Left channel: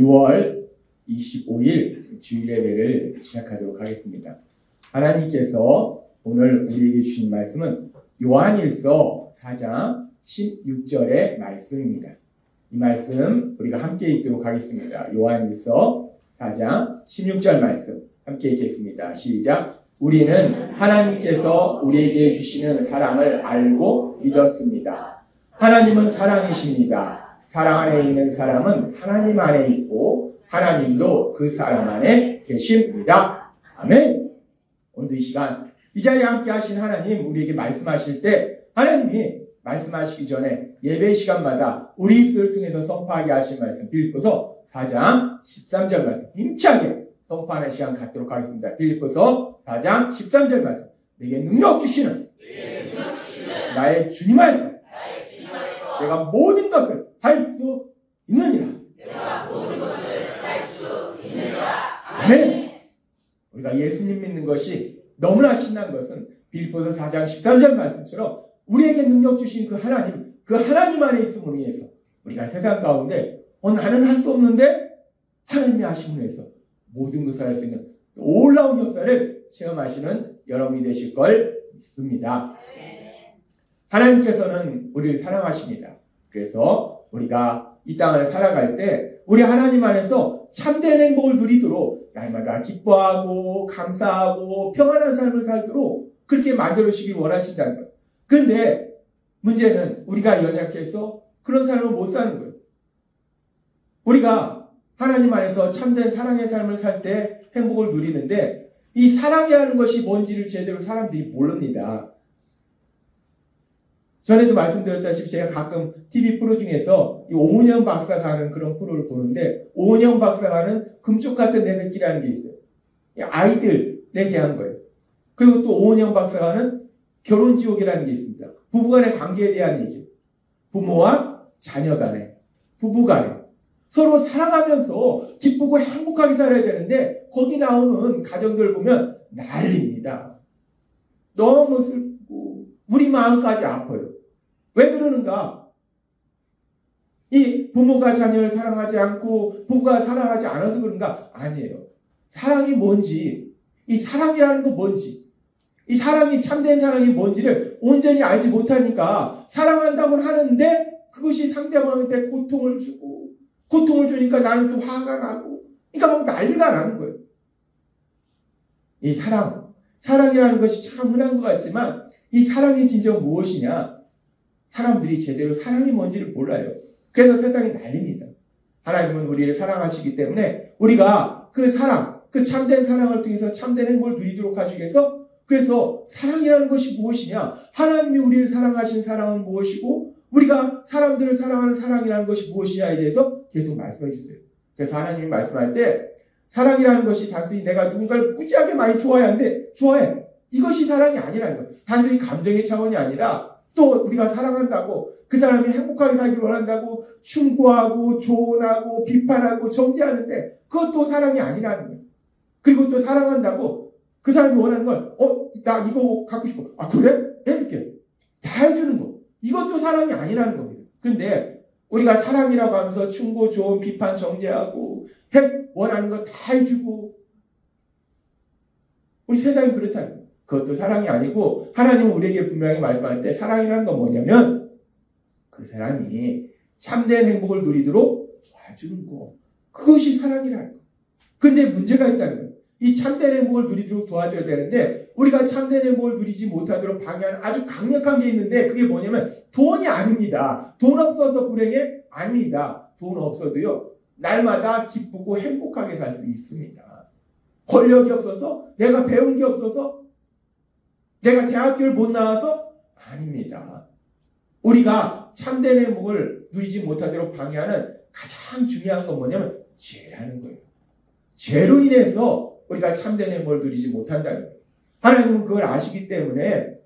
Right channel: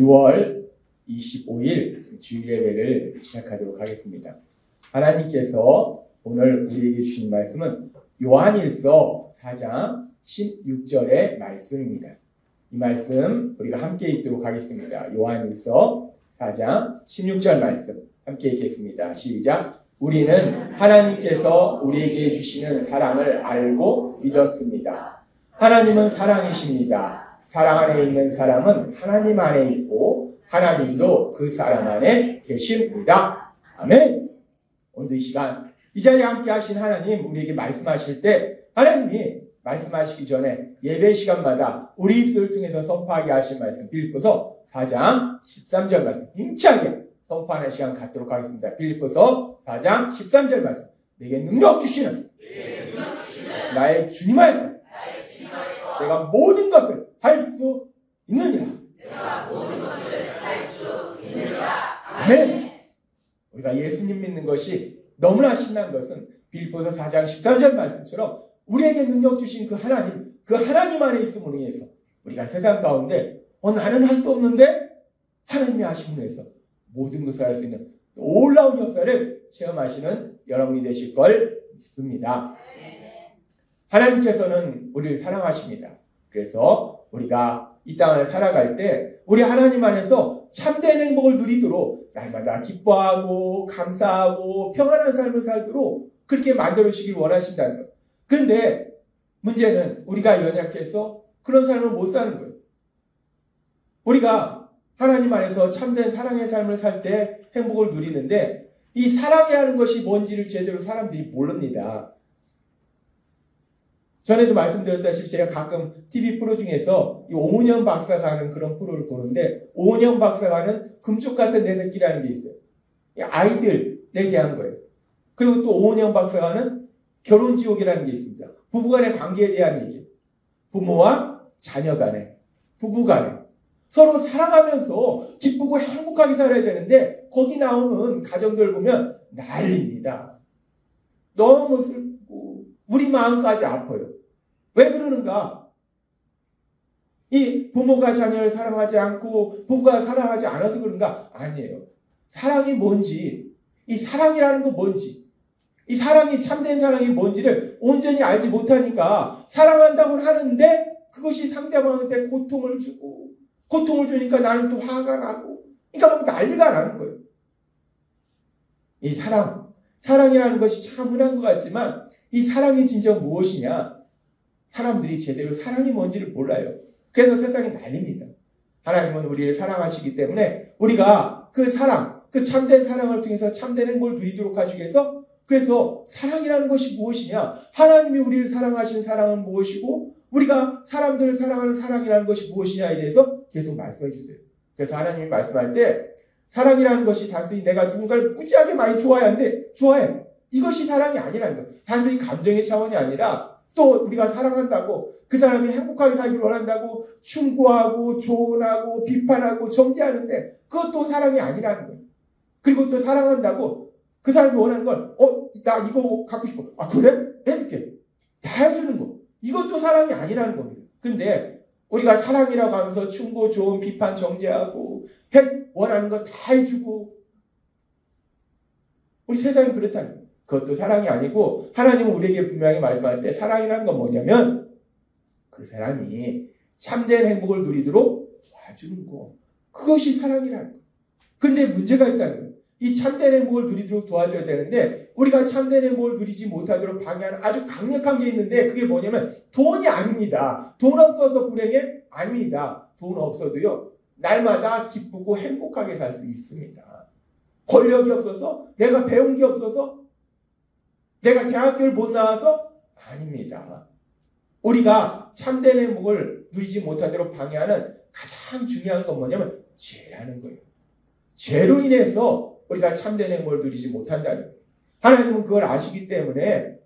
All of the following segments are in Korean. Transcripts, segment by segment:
6월 25일 주일 예배를 시작하도록 하겠습니다. 하나님께서 오늘 우리에게 주신 말씀은 요한일서 4장 16절의 말씀입니다. 이 말씀 우리가 함께 읽도록 하겠습니다. 요한일서 4장 16절 말씀 함께 읽겠습니다. 시작. 우리는 하나님께서 우리에게 주시는 사랑을 알고 믿었습니다. 하나님은 사랑이십니다. 사랑 안에 있는 사람은 하나님 안에 있고 하나님도 그 사람 안에 계십니다. 아멘. 오늘 이 시간 이 자리에 함께 하신 하나님 우리에게 말씀하실 때 하나님이 말씀하시기 전에 예배 시간마다 우리 입술을 통해서 선포하게 하신 말씀 빌립보서 4장 13절 말씀 힘차게 선포하는 시간 갖도록 하겠습니다. 빌립보서 4장 13절 말씀 내게 능력 주시는 나의 주님 안에서 내가 모든 것을 할 수 있느니라. 아멘. 우리가 예수님 믿는 것이 너무나 신난 것은 빌립보서 4장 13절 말씀처럼 우리에게 능력 주신 그 하나님 안에 있음으로 인해서 우리가 세상 가운데 나는 할 수 없는데 하나님이 하심으로 해서 모든 것을 할 수 있는 놀라운 역사를 체험하시는 여러분이 되실 걸 믿습니다. 하나님께서는 우리를 사랑하십니다. 그래서 우리가 이 땅을 살아갈 때 우리 하나님 안에서 참된 행복을 누리도록 날마다 기뻐하고 감사하고 평안한 삶을 살도록 그렇게 만들어주시길 원하신다는 거예요. 그런데 문제는 우리가 연약해서 그런 삶을 못 사는 거예요. 우리가 하나님 안에서 참된 사랑의 삶을 살 때 행복을 누리는데 이 사랑이라는 것이 뭔지를 제대로 사람들이 모릅니다. 전에도 말씀드렸다시피 제가 가끔 TV 프로 중에서 이 오은영 박사가 하는 그런 프로를 보는데 오은영 박사가 하는 금쪽 같은 내 새끼라는 게 있어요. 아이들에 대한 거예요. 그리고 또 오은영 박사가 하는 결혼지옥이라는 게 있습니다. 부부간의 관계에 대한 얘기. 부모와 자녀 간에, 부부 간에 서로 사랑하면서 기쁘고 행복하게 살아야 되는데 거기 나오는 가정들 보면 난립니다. 너무 슬프고 우리 마음까지 아파요. 왜 그러는가? 이 부모가 자녀를 사랑하지 않고 부부가 사랑하지 않아서 그런가? 아니에요. 사랑이 뭔지, 이 사랑이라는 건 뭔지, 이 사랑이 참된 사랑이 뭔지를 온전히 알지 못하니까 사랑한다고 하는데 그것이 상대방한테 고통을 주니까 나는 또 화가 나고 그러니까 막 난리가 나는 거예요. 이 사랑이라는 것이 참 흔한 것 같지만 이 사랑이 진짜 무엇이냐? 사람들이 제대로 사랑이 뭔지를 몰라요. 그래서 세상이 난립니다. 하나님은 우리를 사랑하시기 때문에 우리가 그 사랑, 그 참된 사랑을 통해서 참된 행복을 누리도록 하시기 위해서 그래서 사랑이라는 것이 무엇이냐? 하나님이 우리를 사랑하시는 사랑은 무엇이고 우리가 사람들을 사랑하는 사랑이라는 것이 무엇이냐에 대해서 계속 말씀해 주세요. 그래서 하나님이 말씀할 때 사랑이라는 것이 단순히 내가 누군가를 무지하게 많이 좋아하는데 좋아해. 이것이 사랑이 아니라는 거예요. 단순히 감정의 차원이 아니라 또 우리가 사랑한다고 그 사람이 행복하게 살기를 원한다고 충고하고 조언하고 비판하고 정죄하는데 그것도 사랑이 아니라는 거예요. 그리고 또 사랑한다고 그 사람이 원하는 걸 나 이거 갖고 싶어. 아 그래? 해줄게. 다 해주는 거. 이것도 사랑이 아니라는 겁니다. 근데 우리가 사랑이라고 하면서 충고 조언 비판 정죄하고 원하는 거 다 해주고 우리 세상이 그렇다는 거예요. 그것도 사랑이 아니고 하나님은 우리에게 분명히 말씀할 때 사랑이라는 건 뭐냐면 그 사람이 참된 행복을 누리도록 도와주는 거. 그것이 사랑이라는 거예요. 근데 문제가 있다는 거예요. 이 참된 행복을 누리도록 도와줘야 되는데 우리가 참된 행복을 누리지 못하도록 방해하는 아주 강력한 게 있는데 그게 뭐냐면 돈이 아닙니다. 돈 없어서 불행해? 아닙니다. 돈 없어도요. 날마다 기쁘고 행복하게 살 수 있습니다. 권력이 없어서? 내가 배운 게 없어서? 내가 대학교를 못 나와서? 아닙니다. 우리가 참된 행복을 누리지 못하도록 방해하는 가장 중요한 건 뭐냐면 죄라는 거예요. 죄로 인해서 우리가 참된 행복을 누리지 못한다는 거예요. 하나님은 그걸 아시기 때문에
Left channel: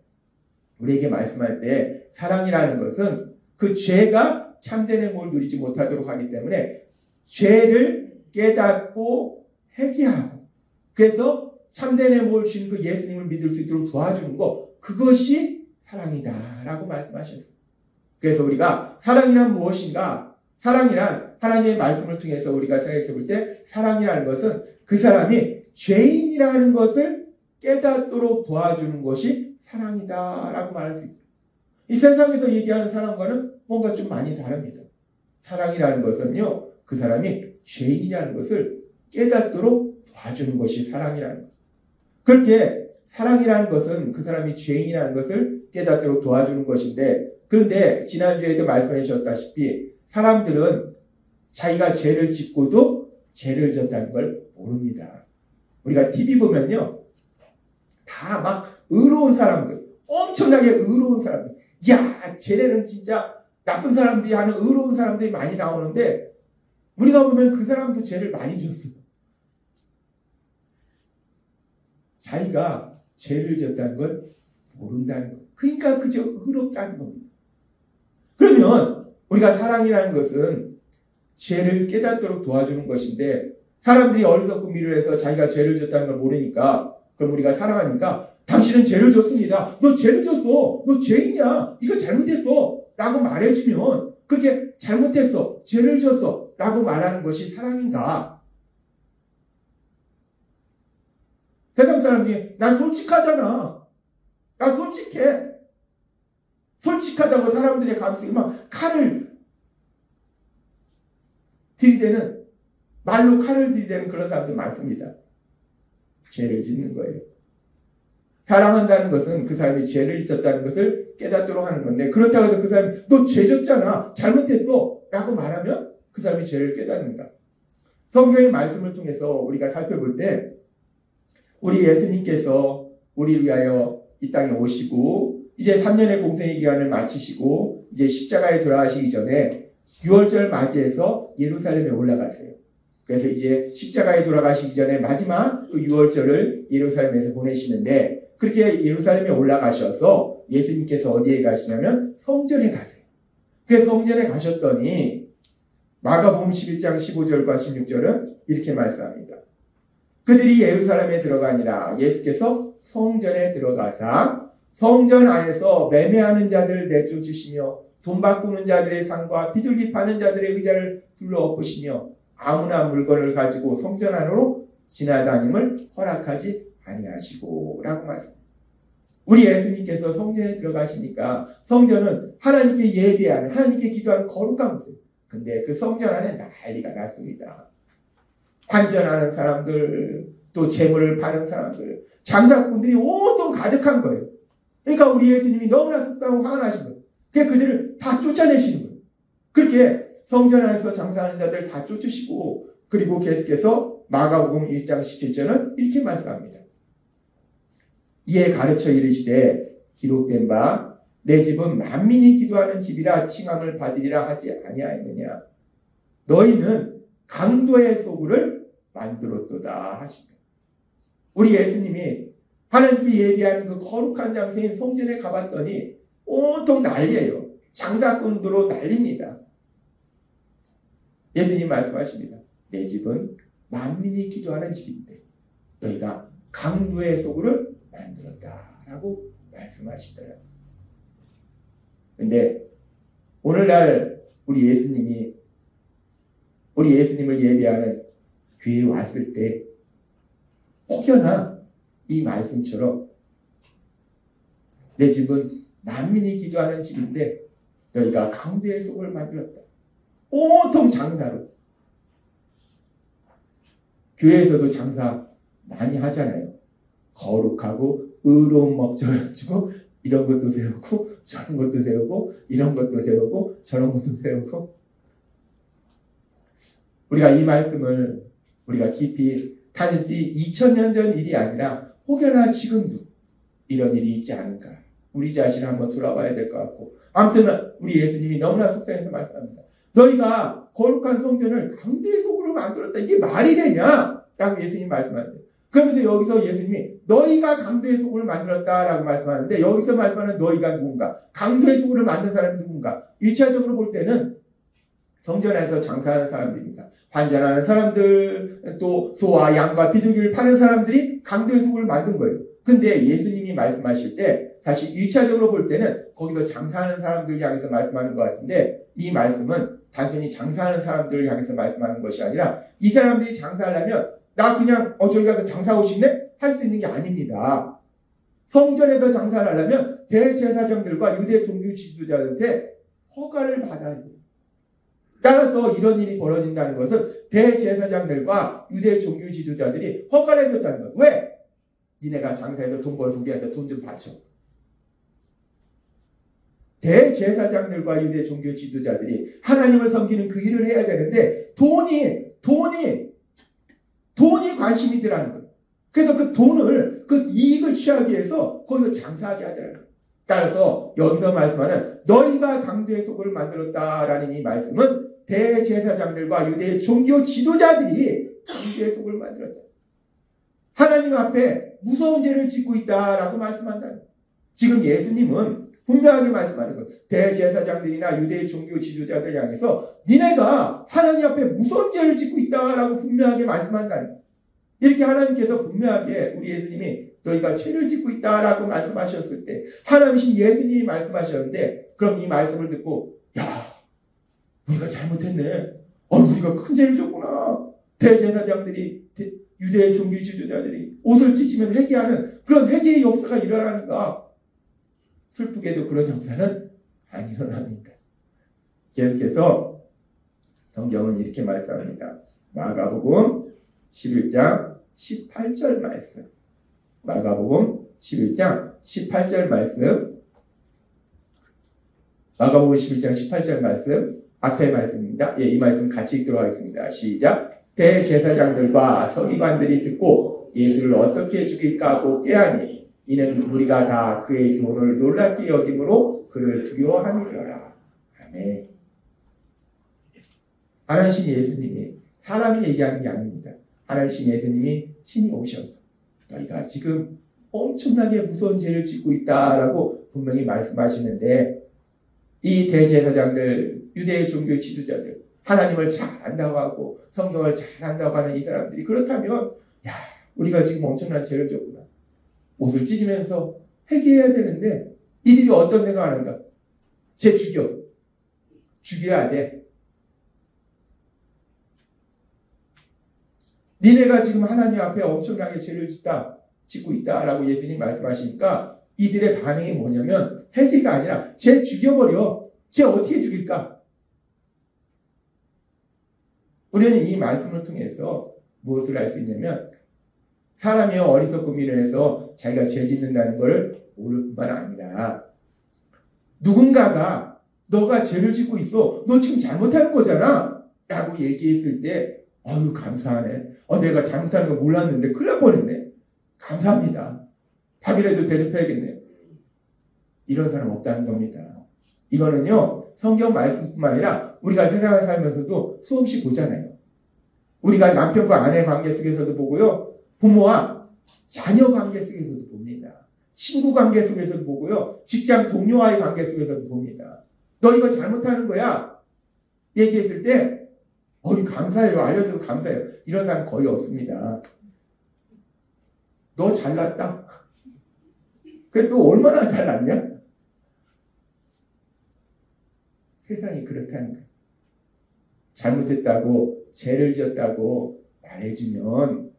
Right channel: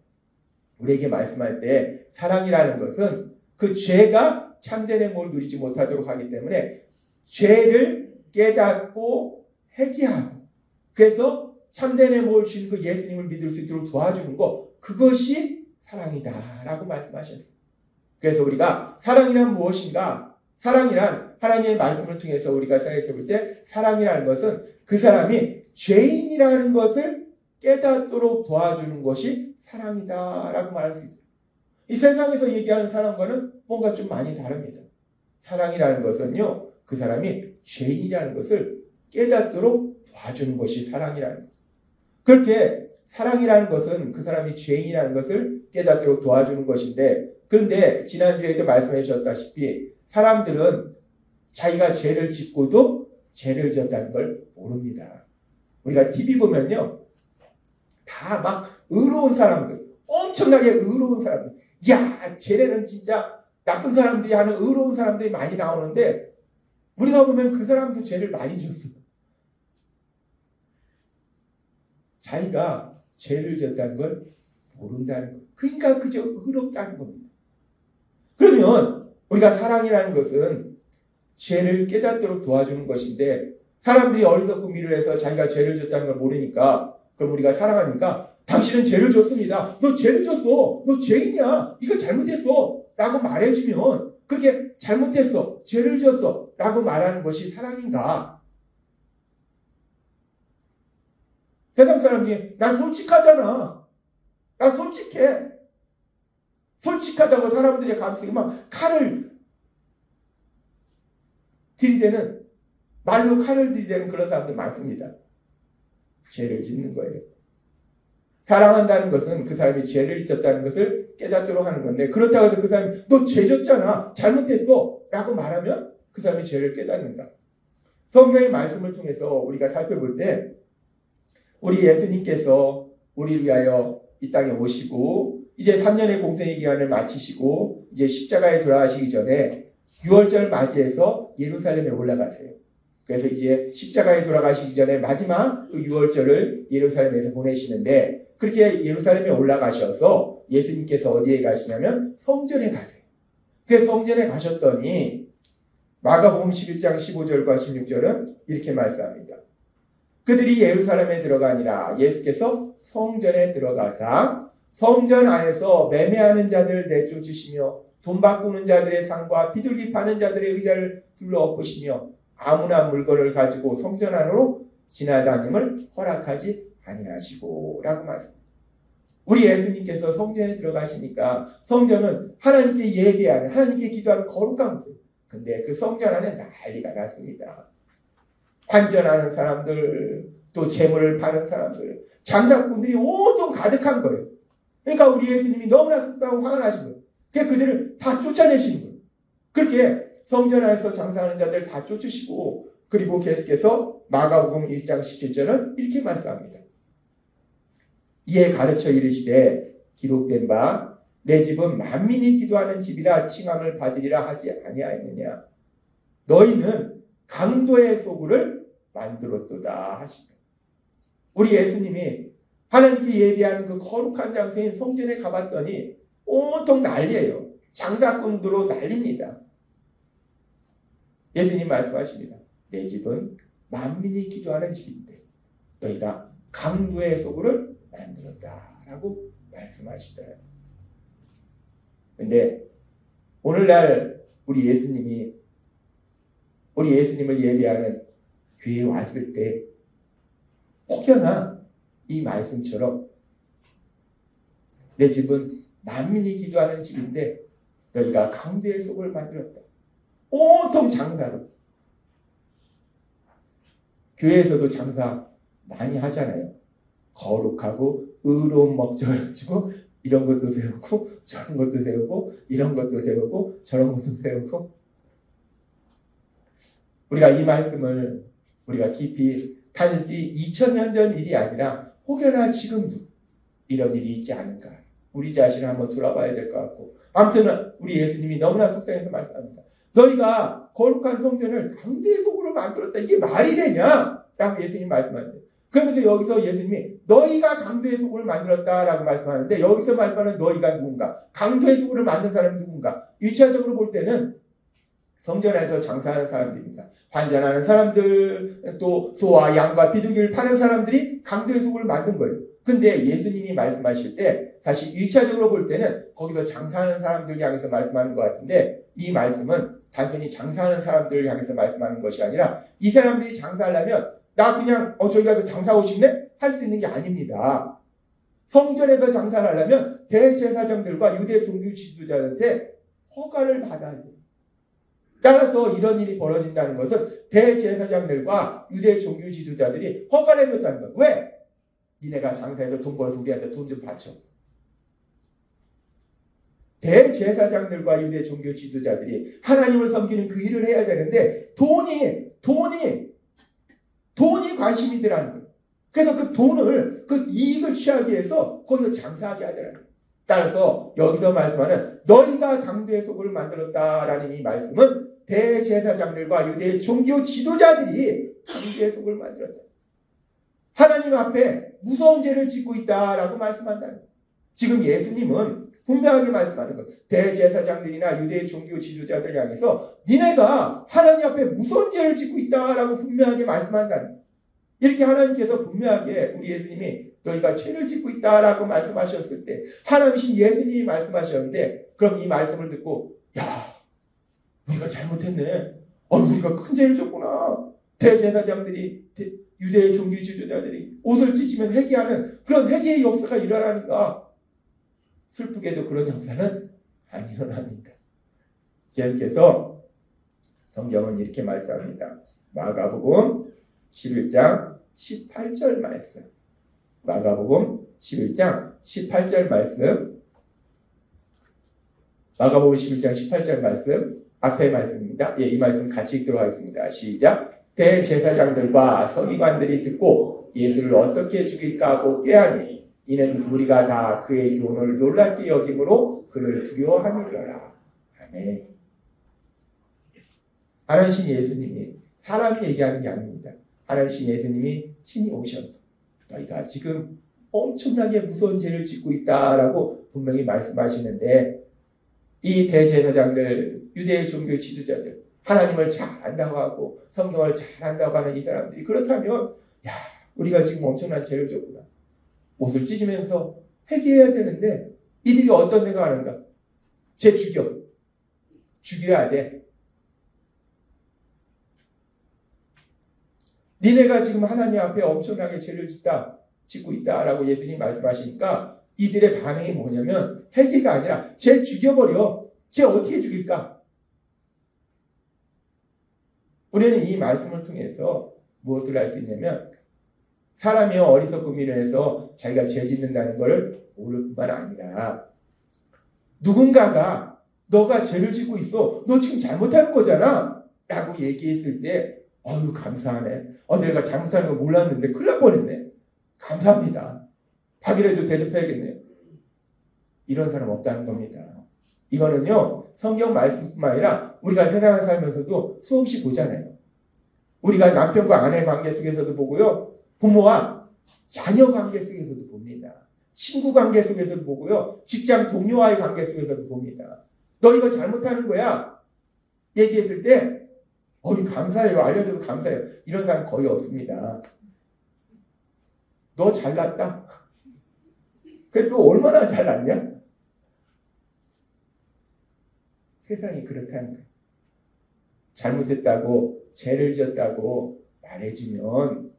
우리에게 말씀할 때 사랑이라는 것은 그 죄가 참된 행복을 누리지 못하도록 하기 때문에 죄를 깨닫고 회개하고 그래서 참된 행복을 주신 그 예수님을 믿을 수 있도록 도와주는 것 그것이 사랑이다라고 말씀하셨어요. 그래서 우리가 사랑이란 무엇인가? 사랑이란 하나님의 말씀을 통해서 우리가 생각해 볼 때 사랑이라는 것은 그 사람이 죄인이라는 것을 깨닫도록 도와주는 것이 사랑이다라고 말할 수 있어요. 이 세상에서 얘기하는 사랑과는 뭔가 좀 많이 다릅니다. 사랑이라는 것은요, 그 사람이 죄인이라는 것을 깨닫도록 도와주는 것이 사랑이라는 거예요. 그렇게 사랑이라는 것은 그 사람이 죄인이라는 것을 깨닫도록 도와주는 것인데, 그런데 지난주에도 말씀해 주셨다시피 사람들은 자기가 죄를 짓고도 죄를 졌다는 걸 모릅니다. 우리가 TV 보면요, 다 막 의로운 사람들, 엄청나게 의로운 사람들, 야, 쟤네는 진짜 나쁜 사람들이 하는 의로운 사람들이 많이 나오는데, 우리가 보면 그 사람도 죄를 많이 졌어요. 자기가 죄를 졌다는 걸 모른다는 거. 그러니까 그저 의롭다는 겁니다. 그러면 우리가 사랑이라는 것은 죄를 깨닫도록 도와주는 것인데, 사람들이 어리석고 미련해서 자기가 죄를 졌다는 걸 모르니까, 그럼 우리가 사랑하니까 당신은 죄를 졌습니다. 너 죄를 졌어. 너 죄인이야. 이거 잘못했어. 라고 말해주면, 그렇게 잘못했어. 죄를 졌어. 라고 말하는 것이 사랑인가? 세상 사람들이 난 솔직하잖아. 난 솔직해. 솔직하다고 사람들의 감성이 막 칼을 들이대는, 말로 칼을 들이대는 그런 사람들 많습니다. 죄를 짓는 거예요. 사랑한다는 것은 그 사람이 죄를 졌다는 것을 깨닫도록 하는 건데, 그렇다고 해서 그 사람이 너 죄 졌잖아. 잘못했어. 라고 말하면 그 사람이 죄를 깨닫는가? 성경의 말씀을 통해서 우리가 살펴볼 때 우리 예수님께서 우리를 위하여 이 땅에 오시고 이제 3년의 공생의 기간을 마치시고 이제 십자가에 돌아가시기 전에 6월절 맞이해서 예루살렘에 올라가세요. 그래서 이제 십자가에 돌아가시기 전에 마지막 그 6월절을 예루살렘에서 보내시는데, 그렇게 예루살렘에 올라가셔서 예수님께서 어디에 가시냐면 성전에 가세요. 그래서 성전에 가셨더니 마가복음 11장 15절과 16절은 이렇게 말씀합니다. 그들이 예루살렘에 들어가니라 예수께서 성전에 들어가사 성전 안에서 매매하는 자들을 내쫓으시며 돈 바꾸는 자들의 상과 비둘기 파는 자들의 의자를 둘러엎으시며 아무나 물건을 가지고 성전 안으로 지나다님을 허락하지 아니하시고 라고 말씀합니다. 우리 예수님께서 성전에 들어가시니까 성전은 하나님께 예배하는, 하나님께 기도하는 거룩한 곳이에요. 근데 그 성전 안에 난리가 났습니다. 환전하는 사람들, 또 재물을 파는 사람들, 장사꾼들이 온통 가득한 거예요. 그러니까 우리 예수님이 너무나 속상하고 화가 나신 거예요. 그러니까 그들을 다 쫓아내시는 거예요. 그렇게 성전 안에서 장사하는 자들 다 쫓으시고, 그리고 계속해서 마가복음 1장 17절은 이렇게 말씀합니다. 이에 가르쳐 이르시되 기록된 바 내 집은 만민이 기도하는 집이라 칭함을 받으리라 하지 아니하였느냐. 너희는 강도의 소굴을 만들었도다 하십니다. 우리 예수님이 하나님께 예배하는 그 거룩한 장소인 성전에 가봤더니 온통 난리예요. 장사꾼들로 난립니다. 예수님 말씀하십니다. 내 집은 만민이 기도하는 집인데 너희가 강도의 소굴을 만들었다라고 말씀하시더라고요. 근데 오늘날 우리 예수님을 예배하는 교회에 왔을 때 혹여나 이 말씀처럼 내 집은 만민이 기도하는 집인데 너희가 강도의 소굴을 만들었다. 온통 장사로. 교회에서도 장사 많이 하잖아요. 거룩하고 의로운 목적을 가지고 이런 것도 세우고 저런 것도 세우고 이런 것도 세우고 저런 것도 세우고. 우리가 이 말씀을 우리가 깊이 단지 2000년 전 일이 아니라 혹여나 지금도 이런 일이 있지 않을까. 우리 자신을 한번 돌아봐야 될 것 같고. 아무튼 우리 예수님이 너무나 속상해서 말씀합니다. 너희가 거룩한 성전을 강도의 소굴로 만들었다. 이게 말이 되냐? 라고 예수님 말씀하세요. 그러면서 여기서 예수님이 너희가 강도의 소굴을 만들었다라고 말씀하는데, 여기서 말씀하는 너희가 누군가? 강도의 소굴을 만든 사람이 누군가? 1차적으로 볼 때는 성전에서 장사하는 사람들입니다. 환전하는 사람들, 또 소와 양과 비둘기를 파는 사람들이 강도의 소굴을 만든 거예요. 근데 예수님이 말씀하실 때 다시 1차적으로 볼 때는 거기서 장사하는 사람들 향해서 말씀하는 것 같은데 이 말씀은 단순히 장사하는 사람들을 향해서 말씀하는 것이 아니라 이 사람들이 장사하려면 나 그냥 저기 가서 장사하고 싶네? 할 수 있는 게 아닙니다. 성전에서 장사를 하려면 대제사장들과 유대 종교 지도자들한테 허가를 받아야 돼요. 따라서 이런 일이 벌어진다는 것은 대제사장들과 유대 종교 지도자들이 허가를 해줬다는 거예요. 왜? 니네가 장사해서 돈 벌어서 우리한테 돈 좀 바쳐. 대제사장들과 유대 종교 지도자들이 하나님을 섬기는 그 일을 해야 되는데 돈이 관심이더라는 거예요. 그래서 그 돈을, 그 이익을 취하기 위해서 거기서 장사하게 하더라는 거예요. 따라서 여기서 말씀하는 너희가 강도의 속을 만들었다라는 이 말씀은 대제사장들과 유대 종교 지도자들이 강도의 속을 만들었다. 하나님 앞에 무서운 죄를 짓고 있다라고 말씀한다는 거예요. 지금 예수님은 분명하게 말씀하는 거예요. 대제사장들이나 유대 종교 지도자들 향해서 니네가 하나님 앞에 무서운 죄를 짓고 있다라고 분명하게 말씀한다는 거예요. 이렇게 하나님께서 분명하게 우리 예수님이 너희가 죄를 짓고 있다라고 말씀하셨을 때 하나님이신 예수님이 말씀하셨는데 그럼 이 말씀을 듣고 야 우리가 잘못했네. 우리가 큰 죄를 졌구나. 대제사장들이 유대 종교 지도자들이 옷을 찢으면서 회개하는 그런 회개의 역사가 일어나는가. 슬프게도 그런 역사는 안 일어납니다. 계속해서 성경은 이렇게 말씀합니다. 마가복음 11장 18절 말씀. 마가복음 11장 18절 말씀. 마가복음 11장 18절 말씀. 앞에 말씀입니다. 이 말씀 같이 읽도록 하겠습니다. 시작. 대제사장들과 서기관들이 듣고 예수를 어떻게 죽일까 하고 꾀하니 이는 무리가 다 그의 교훈을 놀랍게 여김으로 그를 두려워함이더라. 아멘. 하나님 예수님이 사람이 얘기하는 게 아닙니다. 하나님 예수님이 친히 오셨어. 너희가 지금 엄청나게 무서운 죄를 짓고 있다라고 분명히 말씀하시는데 이 대제사장들, 유대 종교 지도자들, 하나님을 잘 안다고 하고 성경을 잘 안다고 하는 이 사람들이 그렇다면 우리가 지금 엄청난 죄를 졌구나. 옷을 찢으면서 회개해야 되는데 이들이 어떤 생각하는가? 쟤 죽여야 돼. 니네가 지금 하나님 앞에 엄청나게 죄를 짓고 있다라고 예수님이 말씀하시니까 이들의 반응이 뭐냐면 회개가 아니라 쟤 죽여버려. 쟤 어떻게 죽일까? 우리는 이 말씀을 통해서 무엇을 알 수 있냐면 사람이 어리석고 미련해서 자기가 죄 짓는다는 것을 모를 뿐만 아니라 누군가가 너가 죄를 짓고 있어. 너 지금 잘못하는 거잖아. 라고 얘기했을 때 아유 감사하네. 내가 잘못하는 거 몰랐는데 큰일 날 뻔했네. 감사합니다. 밥이라도 대접해야겠네. 이런 사람 없다는 겁니다. 이거는요 성경 말씀뿐만 아니라 우리가 세상을 살면서도 수없이 보잖아요. 우리가 남편과 아내 관계 속에서도 보고요. 부모와 자녀 관계 속에서도 봅니다. 친구 관계 속에서도 보고요. 직장 동료와의 관계 속에서도 봅니다. 너 이거 잘못하는 거야. 얘기했을 때 감사해요. 알려줘서 감사해요. 이런 사람 거의 없습니다. 너 잘났다. 그게 또 얼마나 잘났냐? 세상이 그렇다는 거예요. 잘못했다고 죄를 지었다고 말해주면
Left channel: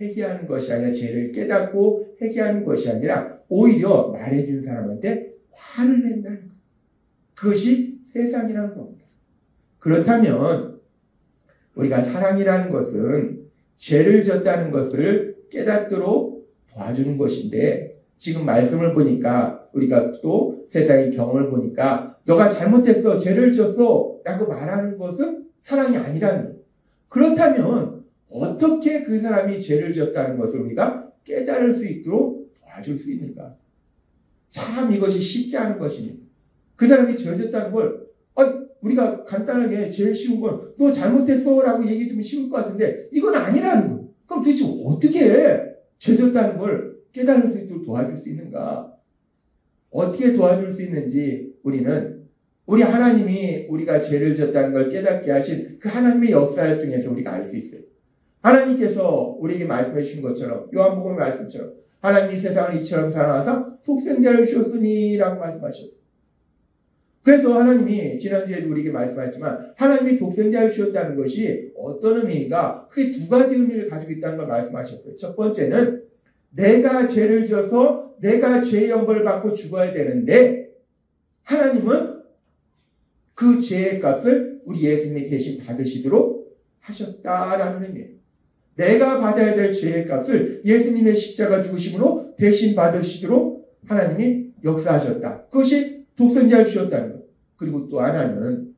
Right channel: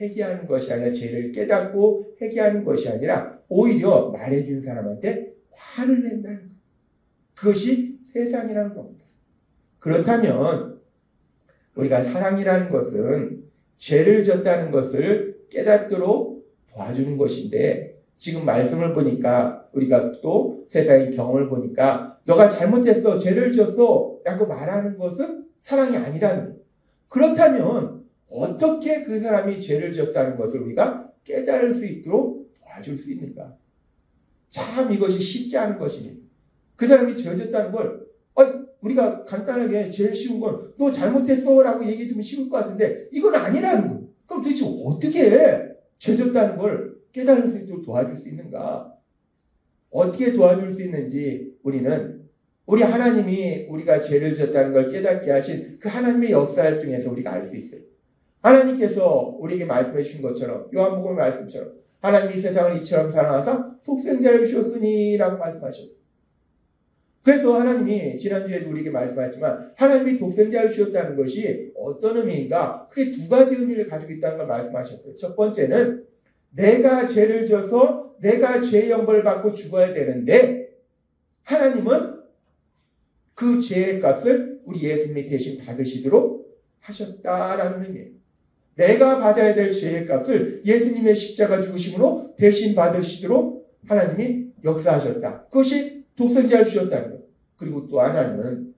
회개하는 것이 아니라 죄를 깨닫고 회개하는 것이 아니라 오히려 말해준 사람한테 화를 낸다는 거예요. 그것이 세상이라는 겁니다. 그렇다면 우리가 사랑이라는 것은 죄를 졌다는 것을 깨닫도록 도와주는 것인데 지금 말씀을 보니까 우리가 또 세상의 경험을 보니까 너가 잘못했어, 죄를 졌어 라고 말하는 것은 사랑이 아니라는 거예요. 그렇다면 어떻게 그 사람이 죄를 졌다는 것을 우리가 깨달을 수 있도록 도와줄 수 있는가? 참 이것이 쉽지 않은 것입니다. 그 사람이 죄 졌다는 걸 우리가 간단하게 제일 쉬운 건 너 잘못했어 라고 얘기해주면 쉬울 것 같은데 이건 아니라는 거예요. 그럼 도대체 어떻게 죄 졌다는 걸 깨달을 수 있도록 도와줄 수 있는가? 어떻게 도와줄 수 있는지 우리 하나님이 우리가 죄를 졌다는 걸 깨닫게 하신 그 하나님의 역사를 통해서 우리가 알 수 있어요. 하나님께서 우리에게 말씀해 주신 것처럼 요한복음의 말씀처럼 하나님이 세상을 이처럼 사랑하사 독생자를 주셨으니 라고 말씀하셨어요. 그래서 하나님이 지난주에도 우리에게 말씀하셨지만 하나님이 독생자를 주셨다는 것이 어떤 의미인가? 크게 두 가지 의미를 가지고 있다는 걸 말씀하셨어요. 첫 번째는 내가 죄를 져서 내가 죄의 형벌을 받고 죽어야 되는데 하나님은 그 죄의 값을 우리 예수님이 대신 받으시도록 하셨다라는 의미예요. 내가 받아야 될 죄의 값을 예수님의 십자가 죽으심으로 대신 받으시도록 하나님이 역사하셨다. 그것이 독생자를 주셨다는 것. 그리고 또 하나는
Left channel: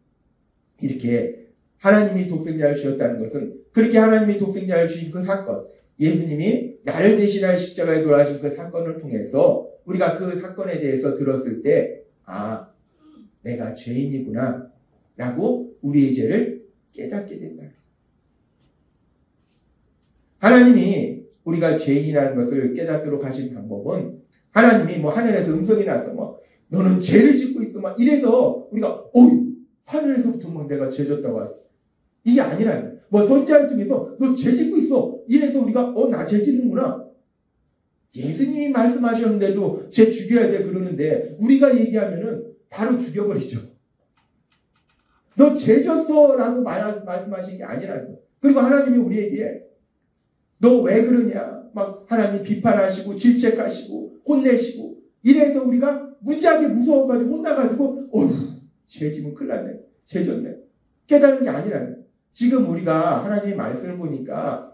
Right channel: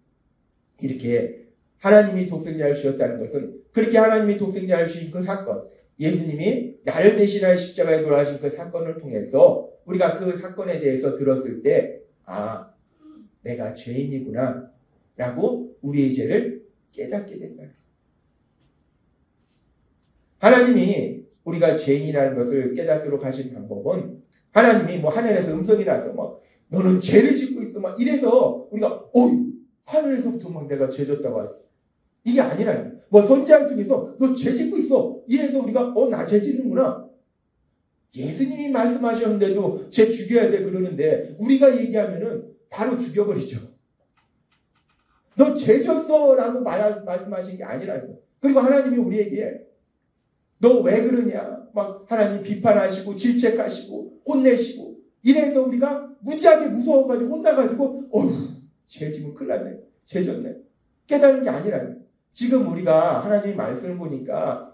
이렇게 하나님이 독생자를 주셨다는 것은 그렇게 하나님이 독생자를 주신 그 사건, 예수님이 나를 대신하여 십자가에 돌아가신 그 사건을 통해서 우리가 그 사건에 대해서 들었을 때 아, 내가 죄인이구나 라고 우리의 죄를 깨닫게 된다. 하나님이 우리가 죄인이라는 것을 깨닫도록 하신 방법은 하나님이 하늘에서 음성이 나서 너는 죄를 짓고 있어 이래서 우리가 하늘에서부터 내가 죄 졌다고 하죠. 이게 아니라 선지자를 통해서 너 죄 짓고 있어 이래서 우리가 나 죄 짓는구나. 예수님이 말씀하셨는데도 죄 죽여야 돼 그러는데 우리가 얘기하면은 바로 죽여버리죠. 너 죄 졌어 라고 말씀하신 게 아니라고. 그리고 하나님이 우리에게 너 왜 그러냐 하나님 비판하시고 질책하시고 혼내시고 이래서 우리가 무지하게 무서워가지고 혼나가지고 죄 지면 큰일 났네. 죄 졌네. 깨닫는 게 아니라요. 지금 우리가 하나님의 말씀을 보니까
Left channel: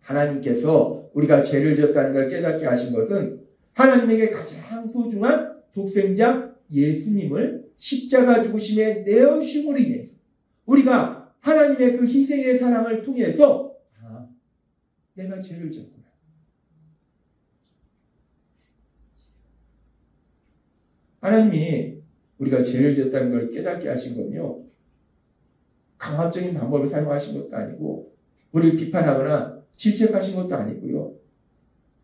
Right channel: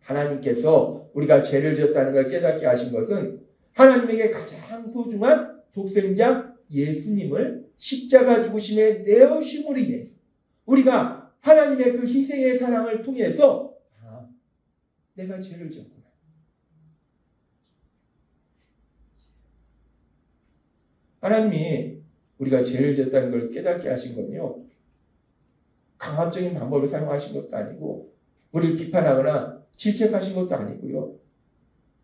하나님께서 우리가 죄를 지었다는 걸 깨닫게 하신 것은 하나님에게 가장 소중한 독생자 예수님을 십자가 죽으심에 내어심으로 인해서 우리가 하나님의 그 희생의 사랑을 통해서 내가 죄를 졌구나. 하나님이 우리가 죄를 졌다는 걸 깨닫게 하신 건요. 강압적인 방법을 사용하신 것도 아니고 우리를 비판하거나 질책하신 것도 아니고요.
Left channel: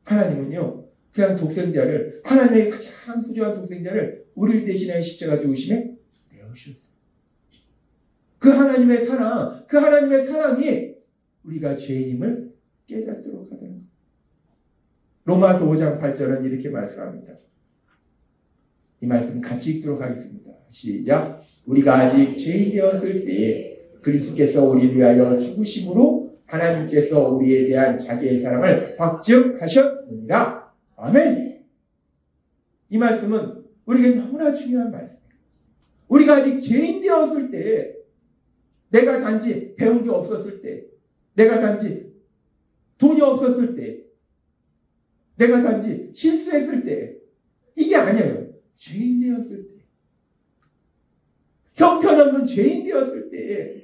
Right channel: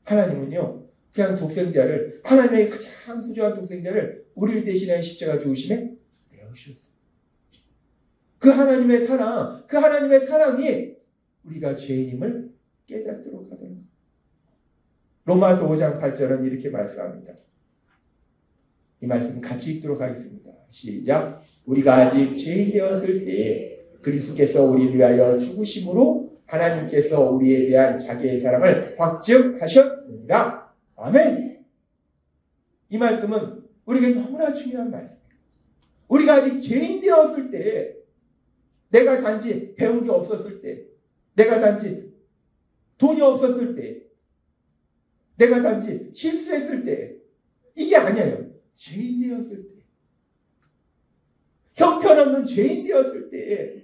하나님은요. 그냥 독생자를 하나님의 가장 소중한 독생자를 우리를 대신하여 십자가 죽으심에 내어주셨어요. 그 하나님의 사랑, 그 하나님의 사랑이 우리가 죄인임을 깨닫도록 하도록. 로마서 5장 8절은 이렇게 말씀합니다. 이 말씀 같이 읽도록 하겠습니다. 시작. 우리가 아직 죄인 되었을 때에 그리스도께서 우리를 위하여 죽으심으로 하나님께서 우리에 대한 자기의 사랑을 확증하셨느니라. 아멘. 이 말씀은 우리에게 너무나 중요한 말씀이에요. 우리가 아직 죄인 되었을 때, 내가 단지 배운 게 없었을 때, 내가 단지 돈이 없었을 때, 내가 단지 실수했을 때, 이게 아니에요. 죄인 되었을 때, 형편없는 죄인 되었을 때,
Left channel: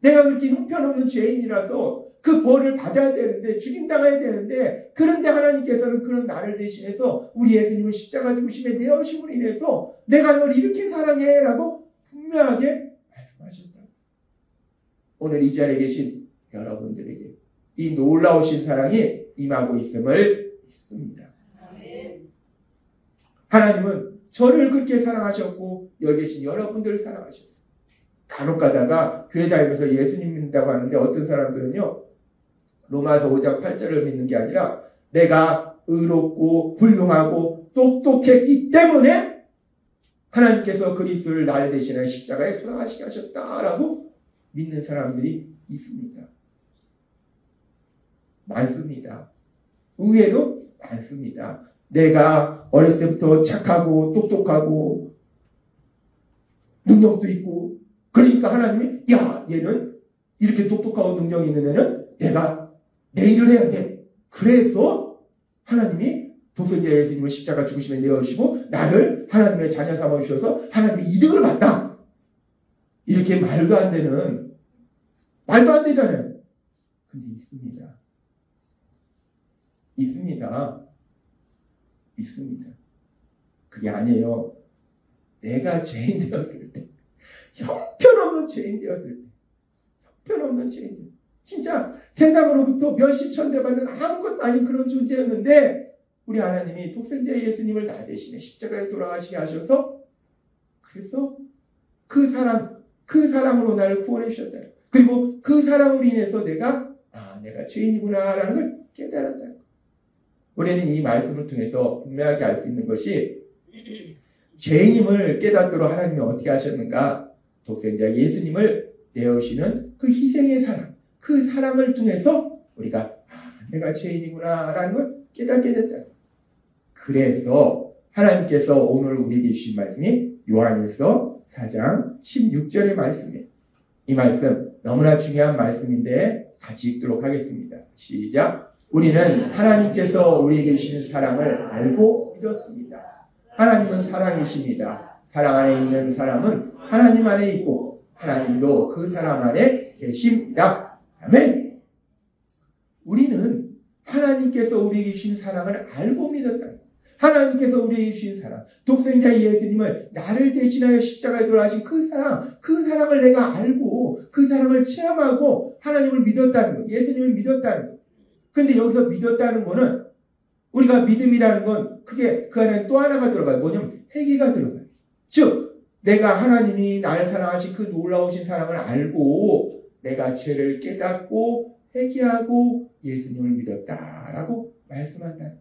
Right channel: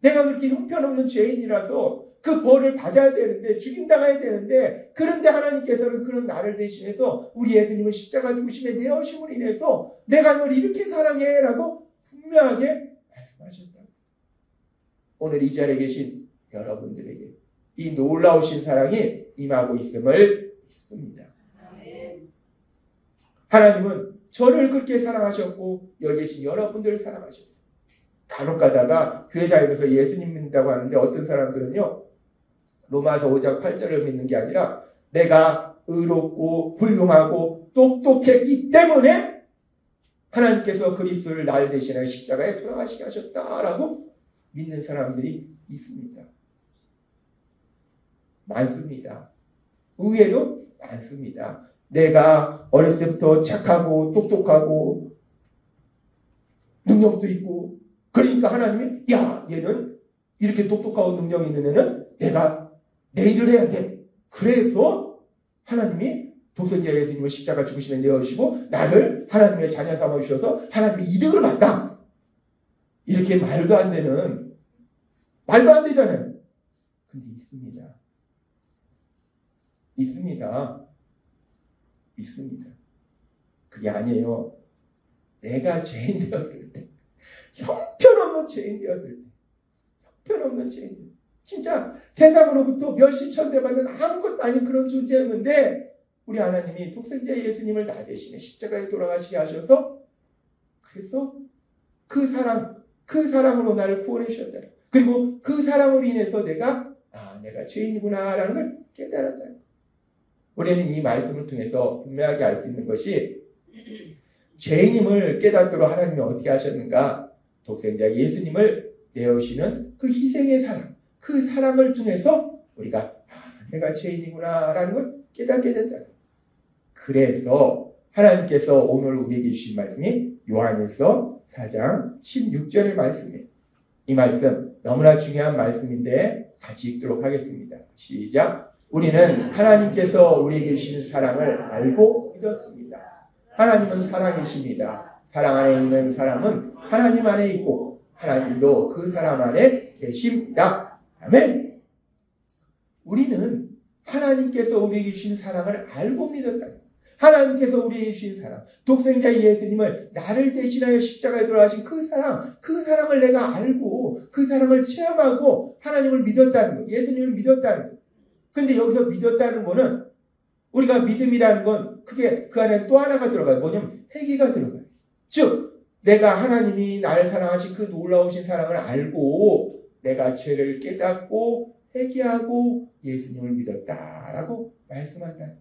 내가 그렇게 형편없는 죄인이라서 그 벌을 받아야 되는데, 죽임당해야 되는데, 그런데 하나님께서는 그런 나를 대신해서 우리 예수님을 십자가 죽으심에 내어심으로 인해서 내가 널 이렇게 사랑해 라고 분명하게 말씀하셨다. 오늘 이 자리에 계신 여러분들에게 이 놀라우신 사랑이 임하고 있음을 믿습니다. 하나님은 저를 그렇게 사랑하셨고 여기 계신 여러분들을 사랑하셨어요. 간혹 가다가 교회 다니면서 예수님 믿는다고 하는데 어떤 사람들은요. 로마서 5장 8절을 믿는 게 아니라 내가 의롭고 훌륭하고 똑똑했기 때문에 하나님께서 그리스도를 나를 대신하여 십자가에 돌아가시게 하셨다라고 믿는 사람들이 있습니다. 많습니다. 의외로 많습니다. 내가 어렸을 때부터 착하고 똑똑하고 능력도 있고 그러니까 하나님이 야 얘는 이렇게 똑똑하고 능력이 있는 애는 내가 내 일을 해야 돼. 그래서 하나님이 독생자 예수님을 십자가 죽으심에 내어주시고 나를 하나님의 자녀 삼아주셔서 하나님의 이득을 받다. 이렇게 말도 안 되는 말도 안 되잖아요. 근데 있습니다. 있습니다. 그게 아니에요. 내가 죄인 되었을 때, 형편없는 죄인 되었을 때, 형편없는 죄인, 진짜 세상으로부터 멸시천대받는 아무것도 아닌 그런 존재였는데 우리 하나님이 독생자 예수님을 나 대신에 십자가에 돌아가시게 하셔서 그래서 그 사랑으로 나를 구원해 주셨다. 그리고 그 사랑으로 인해서 내가 죄인이구나 라는 걸 깨달았다. 우리는 이 말씀을 통해서 분명하게 알 수 있는 것이 죄인임을 깨닫도록 하나님이 어떻게 하셨는가? 독생자 예수님을 내어주시는 그 희생의 사랑, 그 사랑을 통해서 우리가 내가 죄인이구나 라는 걸 깨닫게 됐다. 그래서 하나님께서 오늘 우리에게 주신 말씀이 요한일서 4장 16절의 말씀이에요. 이 말씀 너무나 중요한 말씀인데 같이 읽도록 하겠습니다. 시작. 우리는 하나님께서 우리에게 주신 사랑을 알고 믿었습니다. 하나님은 사랑이십니다. 사랑 안에 있는 사람은 하나님 안에 있고 하나님도 그 사람 안에 계십니다. 아멘. 우리는 하나님께서 우리에게 주신 사랑을 알고 믿었다. 하나님께서 우리에게 주신 사랑, 독생자 예수님을 나를 대신하여 십자가에 돌아가신 그 사랑을 내가 알고 그 사랑을 체험하고 하나님을 믿었다는 거, 예수님을 믿었다는 거. 근데 여기서 믿었다는 거는 우리가 믿음이라는 건 크게 그 안에 또 하나가 들어가요. 뭐냐면 회개가 들어가요. 즉 내가 하나님이 나를 사랑하신 그 놀라우신 사랑을 알고 내가 죄를 깨닫고 회개하고 예수님을 믿었다라고 말씀한다.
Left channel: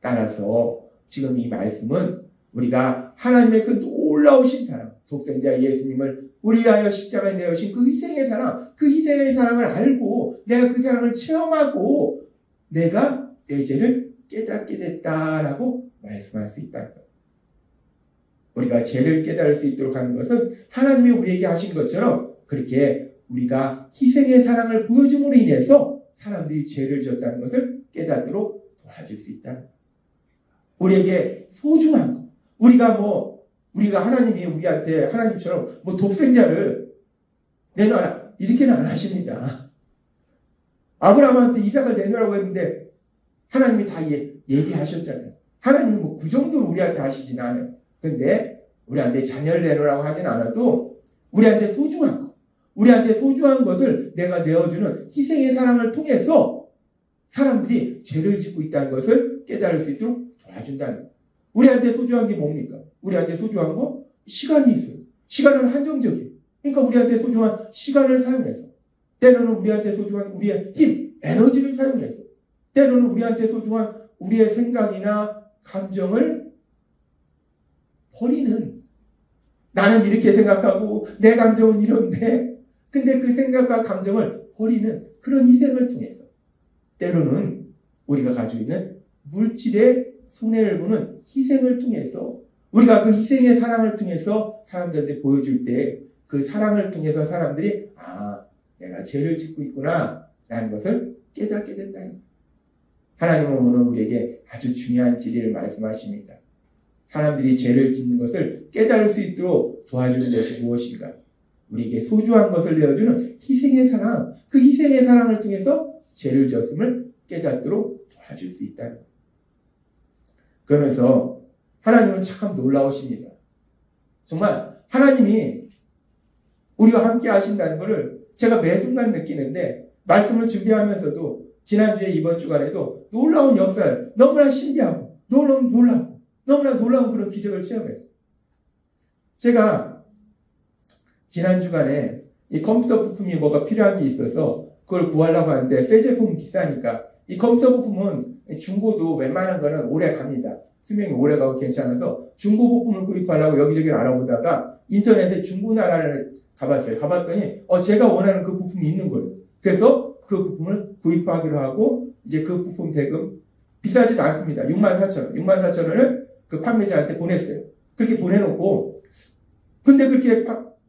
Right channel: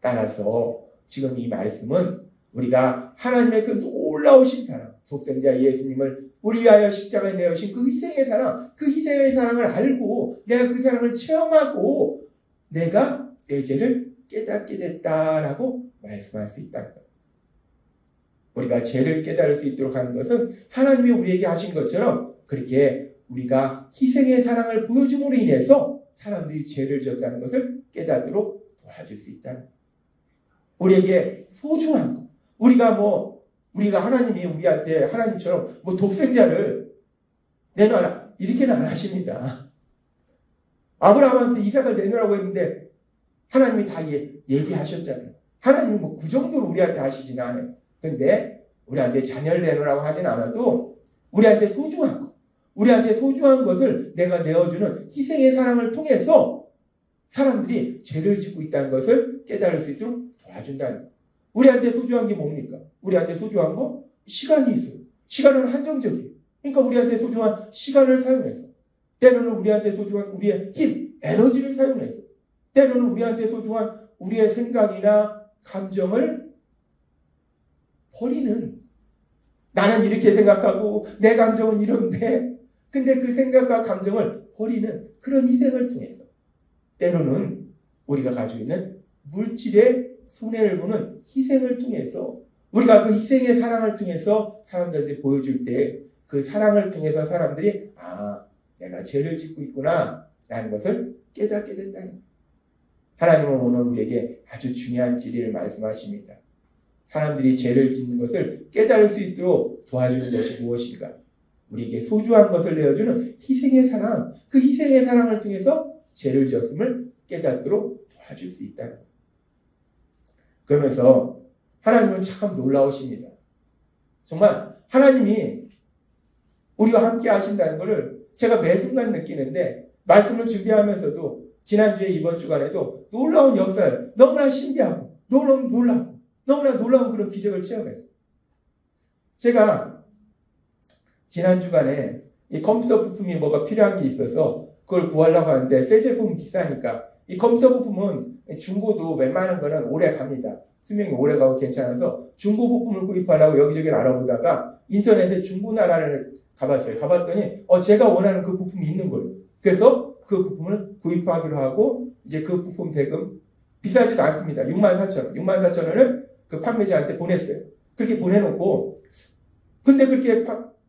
따라서 지금 이 말씀은 우리가 하나님의 그 놀라우신 사랑, 독생자 예수님을 우리 위하여 십자가에 내어주신 그 희생의 사랑, 그 희생의 사랑을 알고 내가 그 사랑을 체험하고 내가 내 죄를 깨닫게 됐다라고 말씀할 수 있다는 거예요. 우리가 죄를 깨달을 수 있도록 하는 것은 하나님이 우리에게 하신 것처럼 그렇게 우리가 희생의 사랑을 보여줌으로 인해서 사람들이 죄를 지었다는 것을 깨닫도록 도와줄 수 있다는 거예요. 우리에게 소중한 거. 우리가 하나님이 우리한테 하나님처럼 독생자를 내놔라. 이렇게는 안 하십니다. 아브라함한테 이삭을 내놓으라고 했는데 하나님이 다 얘기하셨잖아요. 하나님은 그 정도로 우리한테 하시진 않아요. 근데 우리한테 자녀를 내놓으라고 하진 않아도 우리한테 소중한 거. 우리한테 소중한 것을 내가 내어주는 희생의 사랑을 통해서 사람들이 죄를 짓고 있다는 것을 깨달을 수 있도록 도와준다는 거예요. 우리한테 소중한 게 뭡니까? 우리한테 소중한 거? 시간이 있어요. 시간은 한정적이에요. 그러니까 우리한테 소중한 시간을 사용해서 때로는 우리한테 소중한 우리의 힘, 에너지를 사용해서 때로는 우리한테 소중한 우리의 생각이나 감정을 버리는 나는 이렇게 생각하고 내 감정은 이런데 근데 그 생각과 감정을 버리는 그런 희생을 통해서 때로는 우리가 가지고 있는 물질의 손해를 보는 희생을 통해서 우리가 그 희생의 사랑을 통해서 사람들한테 보여줄 때 그 사랑을 통해서 사람들이 내가 죄를 짓고 있구나 라는 것을 깨닫게 된다는 거예요. 하나님은 오늘 우리에게 아주 중요한 진리를 말씀하십니다. 사람들이 죄를 짓는 것을 깨달을 수 있도록 도와주는 것이 무엇인가? 우리에게 소중한 것을 내어주는 희생의 사랑, 그 희생의 사랑을 통해서 죄를 지었음을 깨닫도록 도와줄 수 있다는 거예요. 그러면서 하나님은 참 놀라우십니다. 정말 하나님이 우리와 함께 하신다는 것을 제가 매 순간 느끼는데 말씀을 준비하면서도 지난주에 이번 주간에도 놀라운 역사를 너무나 신기하고 너무나 놀랍고 너무나 놀라운 그런 기적을 체험했어요. 제가 지난 주간에 이 컴퓨터 부품이 뭐가 필요한 게 있어서 그걸 구하려고 하는데 새 제품은 비싸니까 이 컴퓨터 부품은 중고도 웬만한 거는 오래 갑니다. 수명이 오래 가고 괜찮아서 중고 부품을 구입하려고 여기저기 알아보다가 인터넷에 중고나라를 가봤어요. 가봤더니 제가 원하는 그 부품이 있는 거예요. 그래서 그 부품을 구입하기로 하고 이제 그 부품 대금 비싸지도 않습니다. 64,000원을 그 판매자한테 보냈어요. 그렇게 보내놓고 근데 그렇게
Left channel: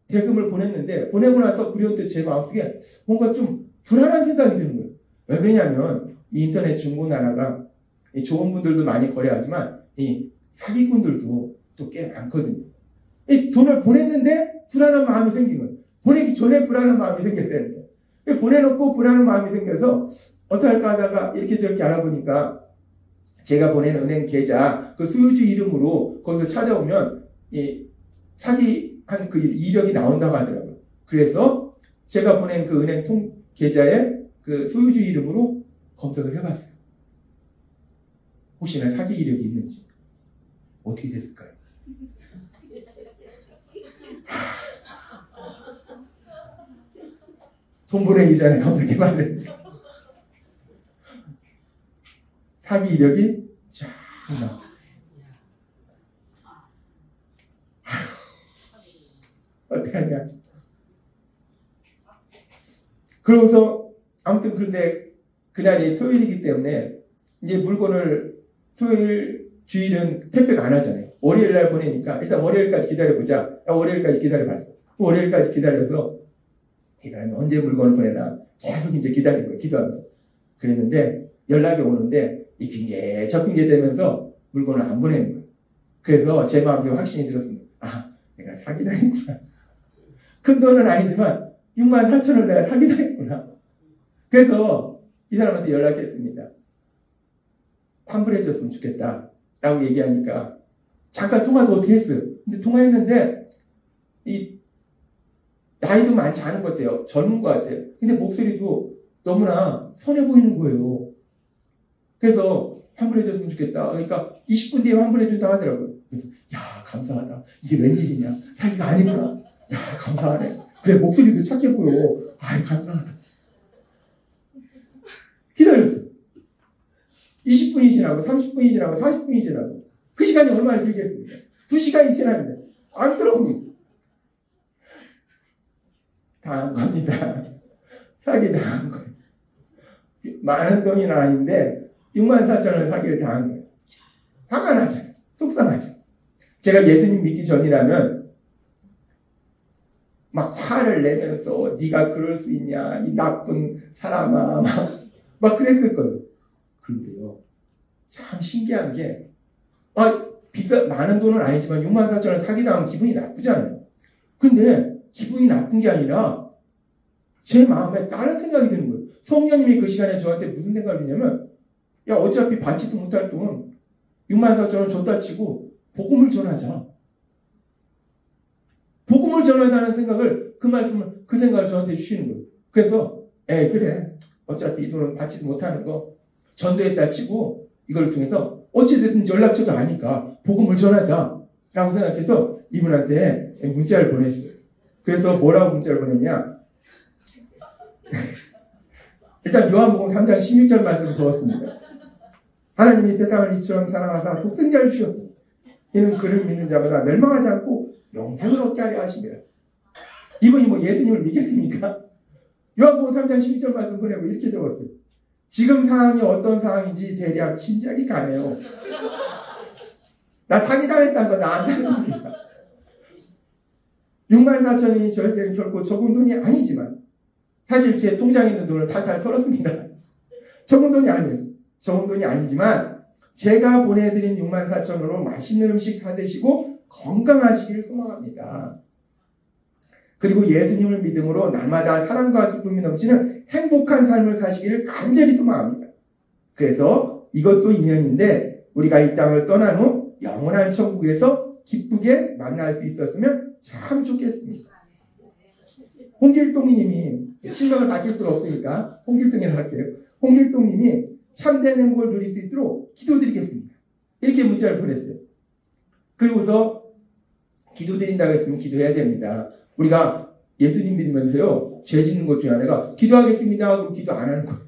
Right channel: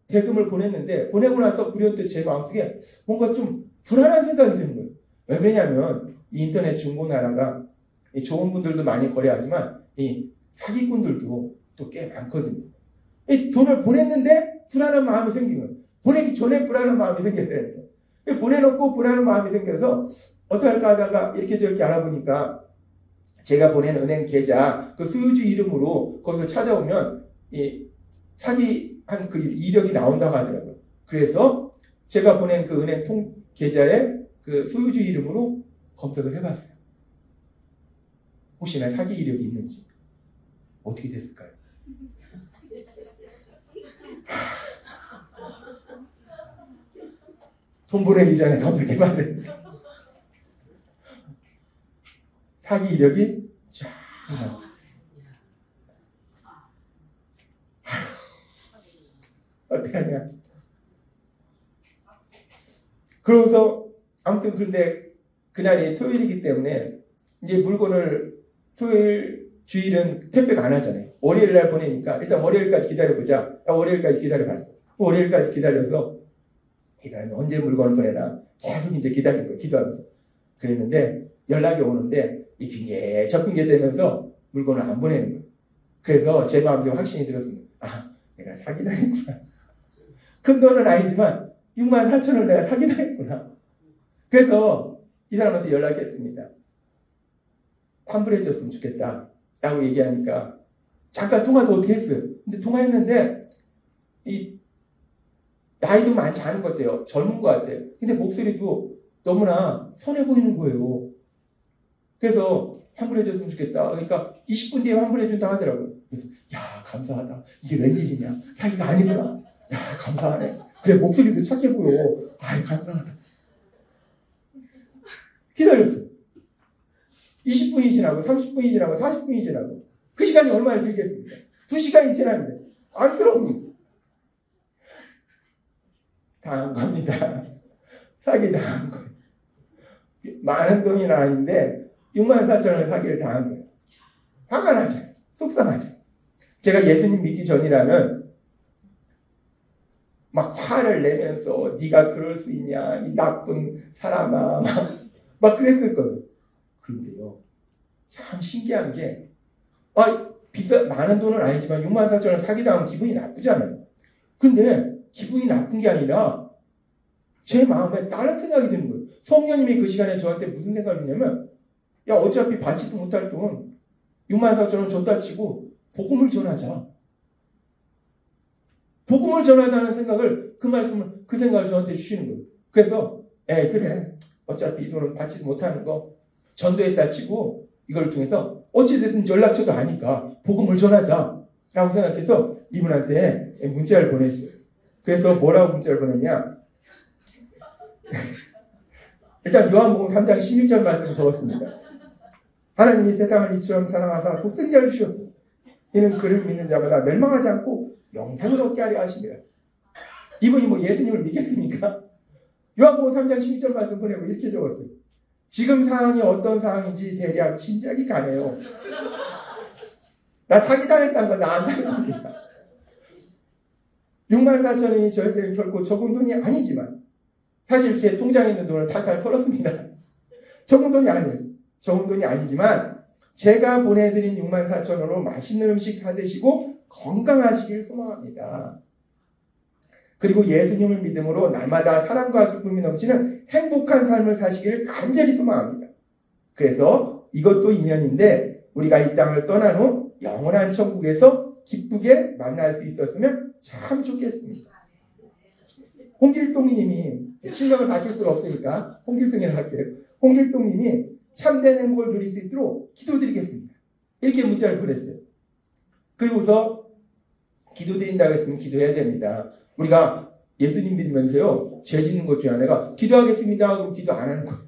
대금을 보냈는데 보내고 나서 불현듯 제 마음속에 뭔가 좀 불안한 생각이 드는 거예요. 왜 그러냐면 이 인터넷 중고나라가 이 좋은 분들도 많이 거래하지만 이 사기꾼들도 또 꽤 많거든요. 이 돈을 보냈는데 불안한 마음이 생긴 거예요. 보내기 전에 불안한 마음이 생겼다는 거예요. 보내놓고 불안한 마음이 생겨서 어떻게 할까 하다가 이렇게 저렇게 알아보니까 제가 보낸 은행 계좌 그 소유주 이름으로 거기서 찾아오면 이 사기한 그 이력이 나온다고 하더라고요. 그래서 제가 보낸 그 은행 계좌에 그 소유주 이름으로 검색을 해봤어요. 혹시나 사기 이력이 있는지. 어떻게 됐을까요? 돈 보내기 전에 검색해봐야 됩니다. 사기 이력이 쫙 나와. 어떡하냐. 그러고서 아무튼 그런데 그날이 토요일이기 때문에 이제 물건을 토요일 주일은 택배가 안 하잖아요. 월요일 날 보내니까 일단 월요일까지 기다려보자. 월요일까지 기다려봤어. 월요일까지 기다려서 이 사람이 언제 물건을 보내나 계속 이제 기다린 거예요. 기도하면서. 그랬는데 연락이 오는데 이 핑계 저 핑계 대면서 물건을 안 보내는 거예요. 그래서 제 마음속에 확신이 들었습니다. 아, 내가 사기당했구나. 큰 돈은 아니지만 64,000원을 내가 사기당했구나. 그래서 이 사람한테 연락했습니다. 환불해줬으면 좋겠다 라고 얘기하니까 잠깐 통화도 어떻게 했어요. 근데 통화했는데 이 나이도 많지 않은 것 같아요. 젊은 것 같아요. 근데 목소리도 너무나 선해 보이는 거예요. 그래서 환불해줬으면 좋겠다. 그러니까 20분 뒤에 환불해준다고 하더라고요. 그래서 야 감사하다. 이게 웬일이냐. 사기가 아니구나. 야 감사하네. 그래 목소리도 착해 보여. 아이 감사하다. 기다렸어. 20분이 지나고 30분이 지나고 40분이 지나고 그 시간이 얼마나 길겠습니까? 2시간이 지났는데 안 들어오고 당한 겁니다. 사기 당한 거예요. 많은 돈이 아닌데 64,000원을 사기를 당한 거예요. 화가 나죠. 속상하죠. 제가 예수님 믿기 전이라면 막 화를 내면서 네가 그럴 수 있냐 이 나쁜 사람아 막 그랬을 거예요. 그런데요 참 신기한 게 많은 돈은 아니지만 64,000원 사기당하면 기분이 나쁘잖아요. 근데 기분이 나쁜 게 아니라 제 마음에 다른 생각이 드는 거예요. 성령님이 그 시간에 저한테 무슨 생각을 주냐면 야 어차피 받지도 못할 돈 64,000원 줬다 치고 복음을 전하자. 복음을 전하자는 생각을 그 생각을 저한테 주시는 거예요. 그래서 그래 어차피 이 돈은 받지도 못하는 거 전도했다 치고 이걸 통해서 어찌됐든 연락처도 아니까 복음을 전하자 라고 생각해서 이분한테 문자를 보냈어요. 그래서 뭐라고 문자를 보냈냐. 일단 요한복음 3장 16절 말씀을 적었습니다. 하나님이 세상을 이처럼 사랑하사 독생자를 주셨으니 이는 그를 믿는 자마다 멸망하지 않고 영생을 얻게 하려 하시니라. 이분이 뭐 예수님을 믿겠습니까? 요한복음 3장 16절 말씀 보내고 이렇게 적었어요. 지금 상황이 어떤 상황인지 대략 짐작이 가네요. 나 사기당했다는 거 나 안다는 겁니다. 64,000원이 저희들은 결코 적은 돈이 아니지만 사실 제 통장에 있는 돈을 탈탈 털었습니다. 적은 돈이 아니에요. 적은 돈이 아니지만 제가 보내드린 64,000원으로 맛있는 음식 사드시고 건강하시길 소망합니다. 그리고 예수님을 믿음으로 날마다 사랑과 기쁨이 넘치는 행복한 삶을 사시기를 간절히 소망합니다. 그래서 이것도 인연인데 우리가 이 땅을 떠난 후 영원한 천국에서 기쁘게 만날 수 있었으면 참 좋겠습니다. 홍길동님이 실명을 바뀔 수가 없으니까 홍길동이라 할게요. 홍길동님이 참된 행복을 누릴 수 있도록 기도드리겠습니다. 이렇게 문자를 보냈어요. 그리고서 기도드린다고 했으면 기도해야 됩니다. 우리가 예수님 믿으면서요 죄 짓는 것 중에 하나가 기도하겠습니다 하고 기도 안 하는 거예요.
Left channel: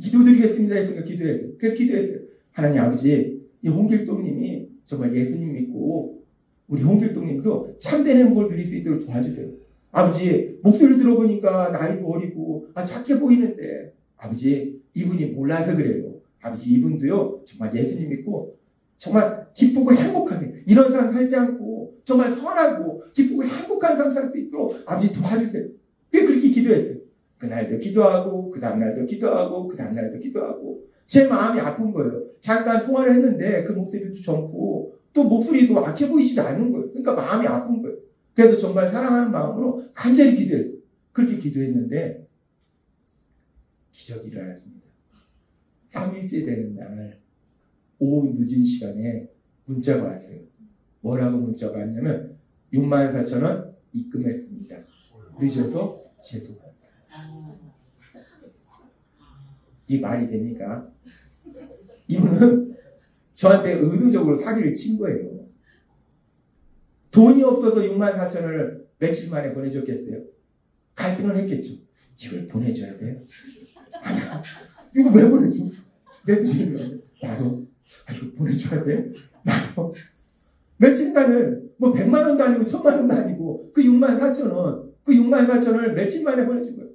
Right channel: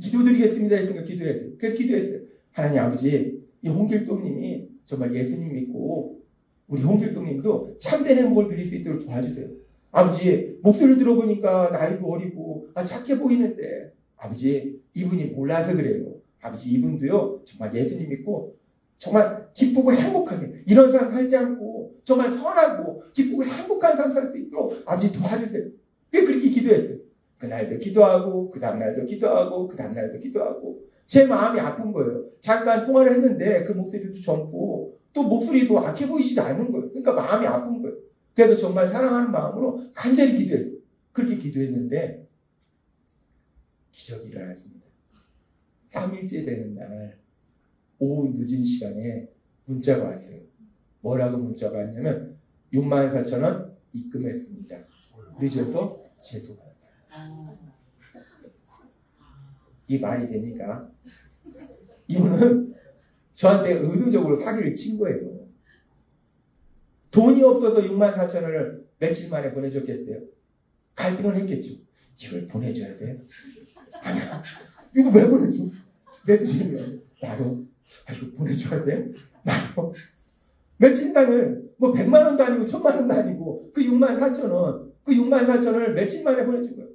기도드리겠습니다 했으니까 기도해야 돼요. 그래서 기도했어요. 하나님 아버지 이 홍길동님이 정말 예수님 믿고 우리 홍길동님도 참된 행복을 누릴 수 있도록 도와주세요. 아버지 목소리를 들어보니까 나이도 어리고 착해 보이는데 아버지 이분이 몰라서 그래요. 아버지 이분도요 정말 예수님 믿고 정말 기쁘고 행복하게 이런 삶 살지 않고 정말 선하고 기쁘고 행복한 삶 살 수 있도록 아버지 도와주세요. 그렇게 기도했어요. 그날도 기도하고 그 다음날도 기도하고 그 다음날도 기도하고 제 마음이 아픈 거예요. 잠깐 통화를 했는데 그 목소리도 젊고 또 목소리도 악해 보이지도 않는 거예요. 그러니까 마음이 아픈 거예요. 그래서 정말 사랑하는 마음으로 간절히 기도했어요. 그렇게 기도했는데 기적이 일어났습니다. 3일째 되는 날 오후 늦은 시간에 문자가 왔어요. 뭐라고 문자가 왔냐면 64,000원 입금했습니다. 늦어서 죄송합니다. 이 말이 됩니까? 이분은 저한테 의도적으로 사기를 친 거예요. 돈이 없어서 64,000원을 며칠 만에 보내줬겠어요? 갈등을 했겠죠. 이걸 보내줘야 돼요? 아니야. 이거 왜 보내줘? 내 수준이 나도 이거 보내줘야 돼요? 나도 며칠간을 뭐 100만 원도 아니고 1000만 원도 아니고 그 6만 4천 원, 그 6만 4천 원을 며칠 만에 보내준 거예요.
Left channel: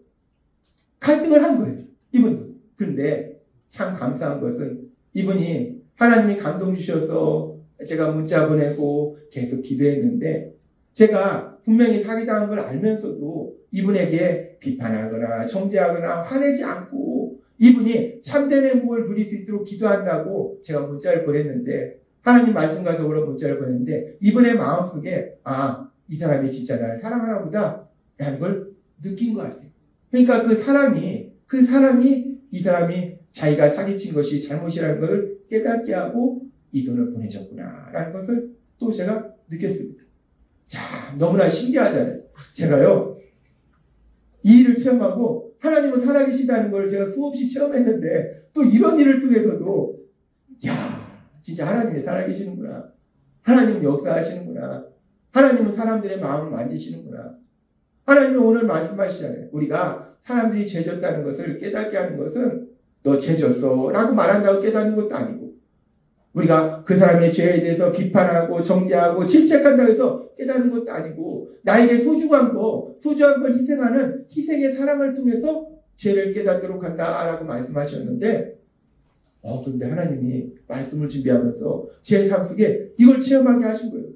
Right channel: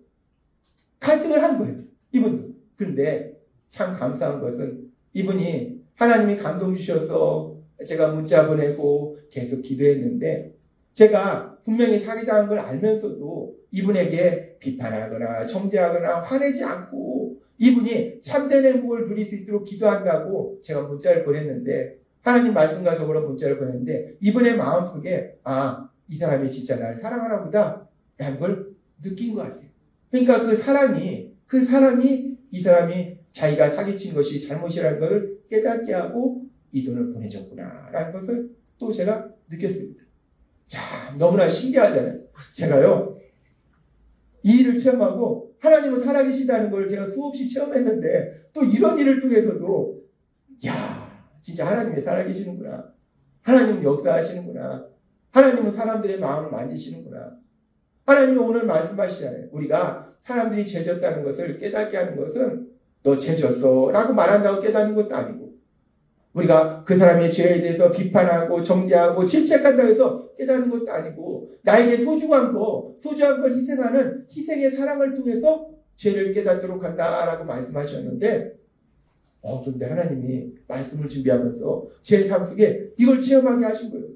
갈등을 한 거예요. 이분도. 그런데 참 감사한 것은 이분이 하나님이 감동 주셔서 제가 문자 보내고 계속 기도했는데 제가 분명히 사기당한 걸 알면서도 이분에게 비판하거나 정죄하거나 화내지 않고 이분이 참된 행복을 누릴 수 있도록 기도한다고 제가 문자를 보냈는데 하나님 말씀과 더불어 문자를 보냈는데 이분의 마음속에 이 사람이 진짜 나를 사랑하나 보다 라는 걸 느낀 것 같아요. 그러니까 그 사랑이 이 사람이 자기가 사기친 것이 잘못이라는 것을 깨닫게 하고 이 돈을 보내줬구나 라는 것을 또 제가 느꼈습니다. 참 너무나 신기하잖아요. 제가요 이 일을 체험하고 하나님은 살아계시다는 걸 제가 수없이 체험했는데 또 이런 일을 통해서도 진짜 하나님이 살아계시는구나. 하나님은 역사하시는구나. 하나님은 사람들의 마음을 만지시는구나. 하나님은 오늘 말씀하시잖아요. 우리가 사람들이 죄졌다는 것을 깨닫게 하는 것은 너 죄졌어 라고 말한다고 깨닫는 것도 아니고 우리가 그 사람의 죄에 대해서 비판하고 정죄하고 질책한다고 해서 깨닫는 것도 아니고 나에게 소중한 걸 희생하는 희생의 사랑을 통해서 죄를 깨닫도록 한다라고 말씀하셨는데 근데 하나님이 말씀을 준비하면서 제 삶 속에 이걸 체험하게 하신 거예요.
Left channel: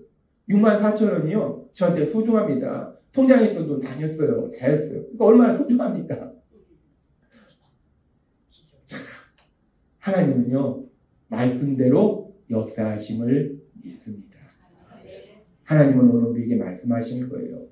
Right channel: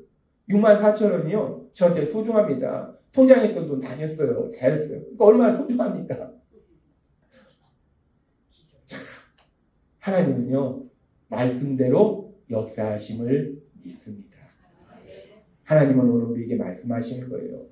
6만 4천 원이요. 저한테 소중합니다. 통장에 있던 돈 다녔어요. 다 했어요. 그러니까 얼마나 소중합니까? 자, 하나님은요. 말씀대로 역사하심을 믿습니다. 하나님은 오늘 우리에게 말씀하시는 거예요.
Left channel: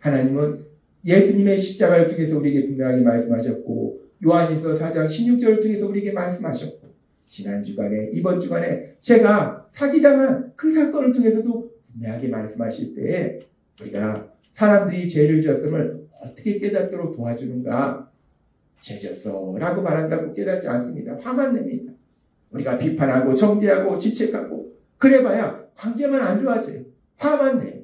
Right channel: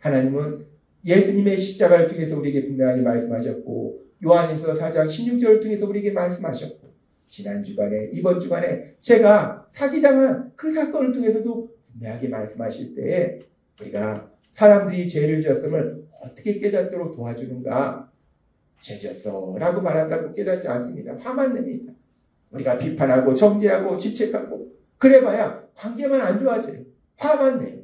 하나님은 예수님의 십자가를 통해서 우리에게 분명하게 말씀하셨고 요한일서 4장 16절을 통해서 우리에게 말씀하셨고 지난 주간에 이번 주간에 제가 사기당한 그 사건을 통해서도 분명하게 말씀하실 때에 우리가 사람들이 죄를 지었음을 어떻게 깨닫도록 도와주는가 죄졌어 라고 말한다고 깨닫지 않습니다. 화만 냅니다. 우리가 비판하고 정죄하고 질책하고 그래봐야 관계만 안 좋아져요. 화만 내요.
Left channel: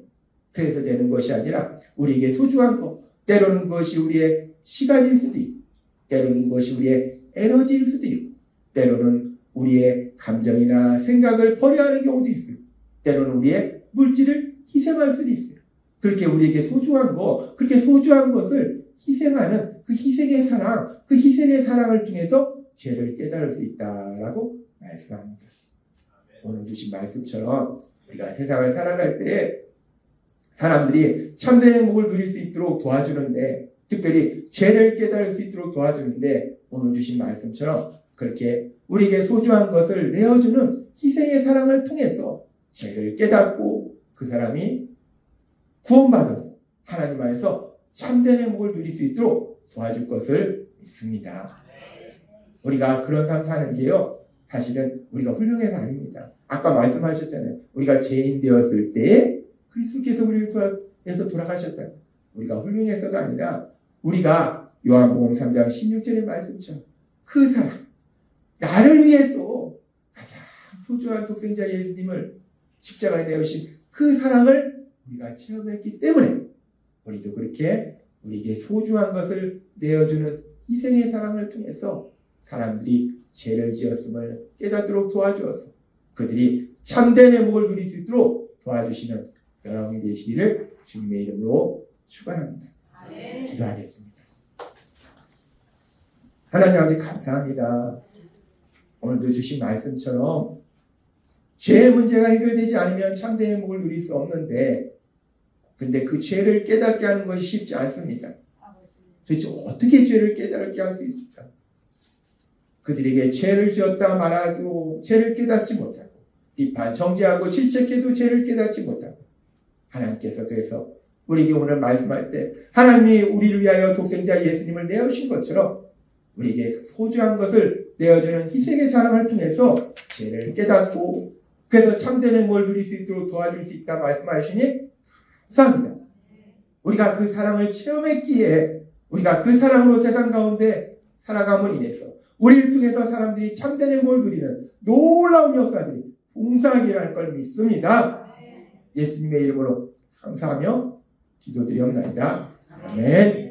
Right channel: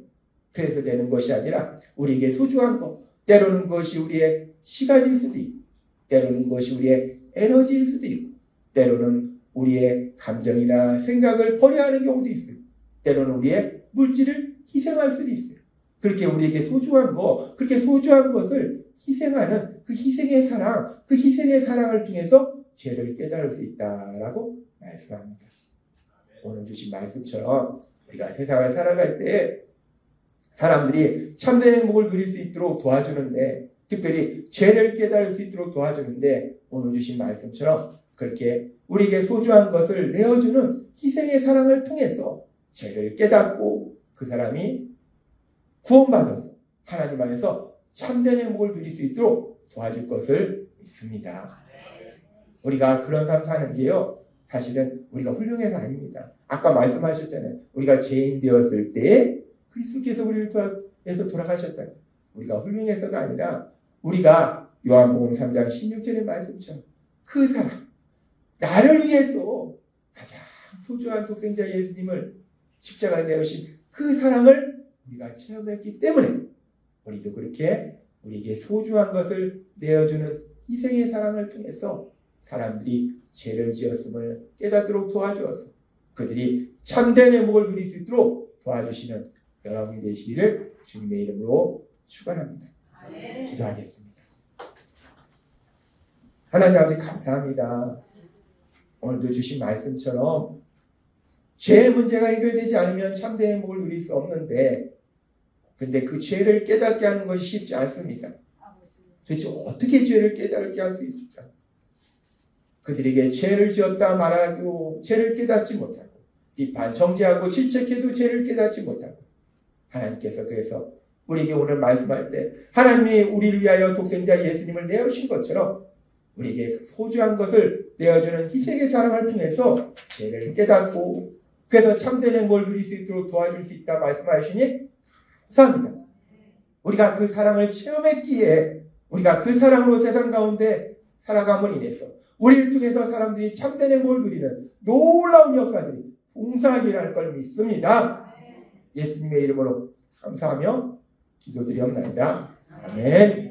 그래서 되는 것이 아니라 우리에게 소중한 것 때로는 그것이 우리의 시간일 수도 있고 때로는 그것이 우리의 에너지일 수도 있고 때로는 우리의 감정이나 생각을 버려야 하는 경우도 있어요. 때로는 우리의 물질을 희생할 수도 있어요. 그렇게 우리에게 소중한 것, 그렇게 소중한 것을 희생하는 그 희생의 사랑을 통해서 죄를 깨달을 수 있다라고 말씀합니다. 오늘 주신 말씀처럼 우리가 세상을 살아갈 때 사람들이 참된 행복을 누릴 수 있도록 도와주는데 특별히 죄를 깨달을 수 있도록 도와주는데 오늘 주신 말씀처럼 그렇게 우리에게 소중한 것을 내어주는 희생의 사랑을 통해서 죄를 깨닫고 그 사람이 구원받아서 하나님 안에서 참된 행복을 누릴 수 있도록 도와줄 것을 믿습니다. 우리가 그런 삶 사는 게요. 사실은 우리가 훌륭해서 아닙니다. 아까 말씀하셨잖아요. 우리가 죄인 되었을 때 그리스도께서 우리를 위해서 돌아가셨다. 우리가 훌륭해서가 아니라 우리가 요한복음 3장 16절의 말씀처럼 그 사랑, 나를 위해서 가장 소중한 독생자 예수님을 십자가에 내어주신 그 사랑을 우리가 체험했기 때문에 우리도 그렇게 우리에게 소중한 것을 내어주는 희생의 사랑을 통해서 사람들이 죄를 지었음을 깨닫도록 도와주어서 그들이 참된 행복을 누릴 수 있도록 도와주시는 여러분이 되시기를 주님의 이름으로 축원합니다. 기도하겠습니다. 하나님 아버지 감사합니다. 오늘도 주신 말씀처럼 죄의 문제가 해결되지 않으면 참된 행복을 누릴 수 없는데 근데 그 죄를 깨닫게 하는 것이 쉽지 않습니다. 도대체 어떻게 죄를 깨닫게 할 수 있을까? 그들에게 죄를 지었다 말아도 죄를 깨닫지 못하고 비판, 정죄하고 질책해도 죄를 깨닫지 못하고 하나님께서 그래서 우리에게 오늘 말씀할 때 하나님이 우리를 위하여 독생자 예수님을 내어주신 것처럼 우리에게 소중한 것을 내어주는 희생의 사랑을 통해서 죄를 깨닫고 그래서 참된 행복을 누릴 수 있도록 도와줄 수 있다 말씀하시니 감사합니다. 우리가 그 사랑을 체험했기에 우리가 그 사랑으로 세상 가운데 살아감으로 인해서 우리를 통해서 사람들이 참된 행복을 누리는 놀라운 역사들이 봉사하기를 할 걸 믿습니다. 예수님의 이름으로 감사하며 기도드리옵나이다. 아멘.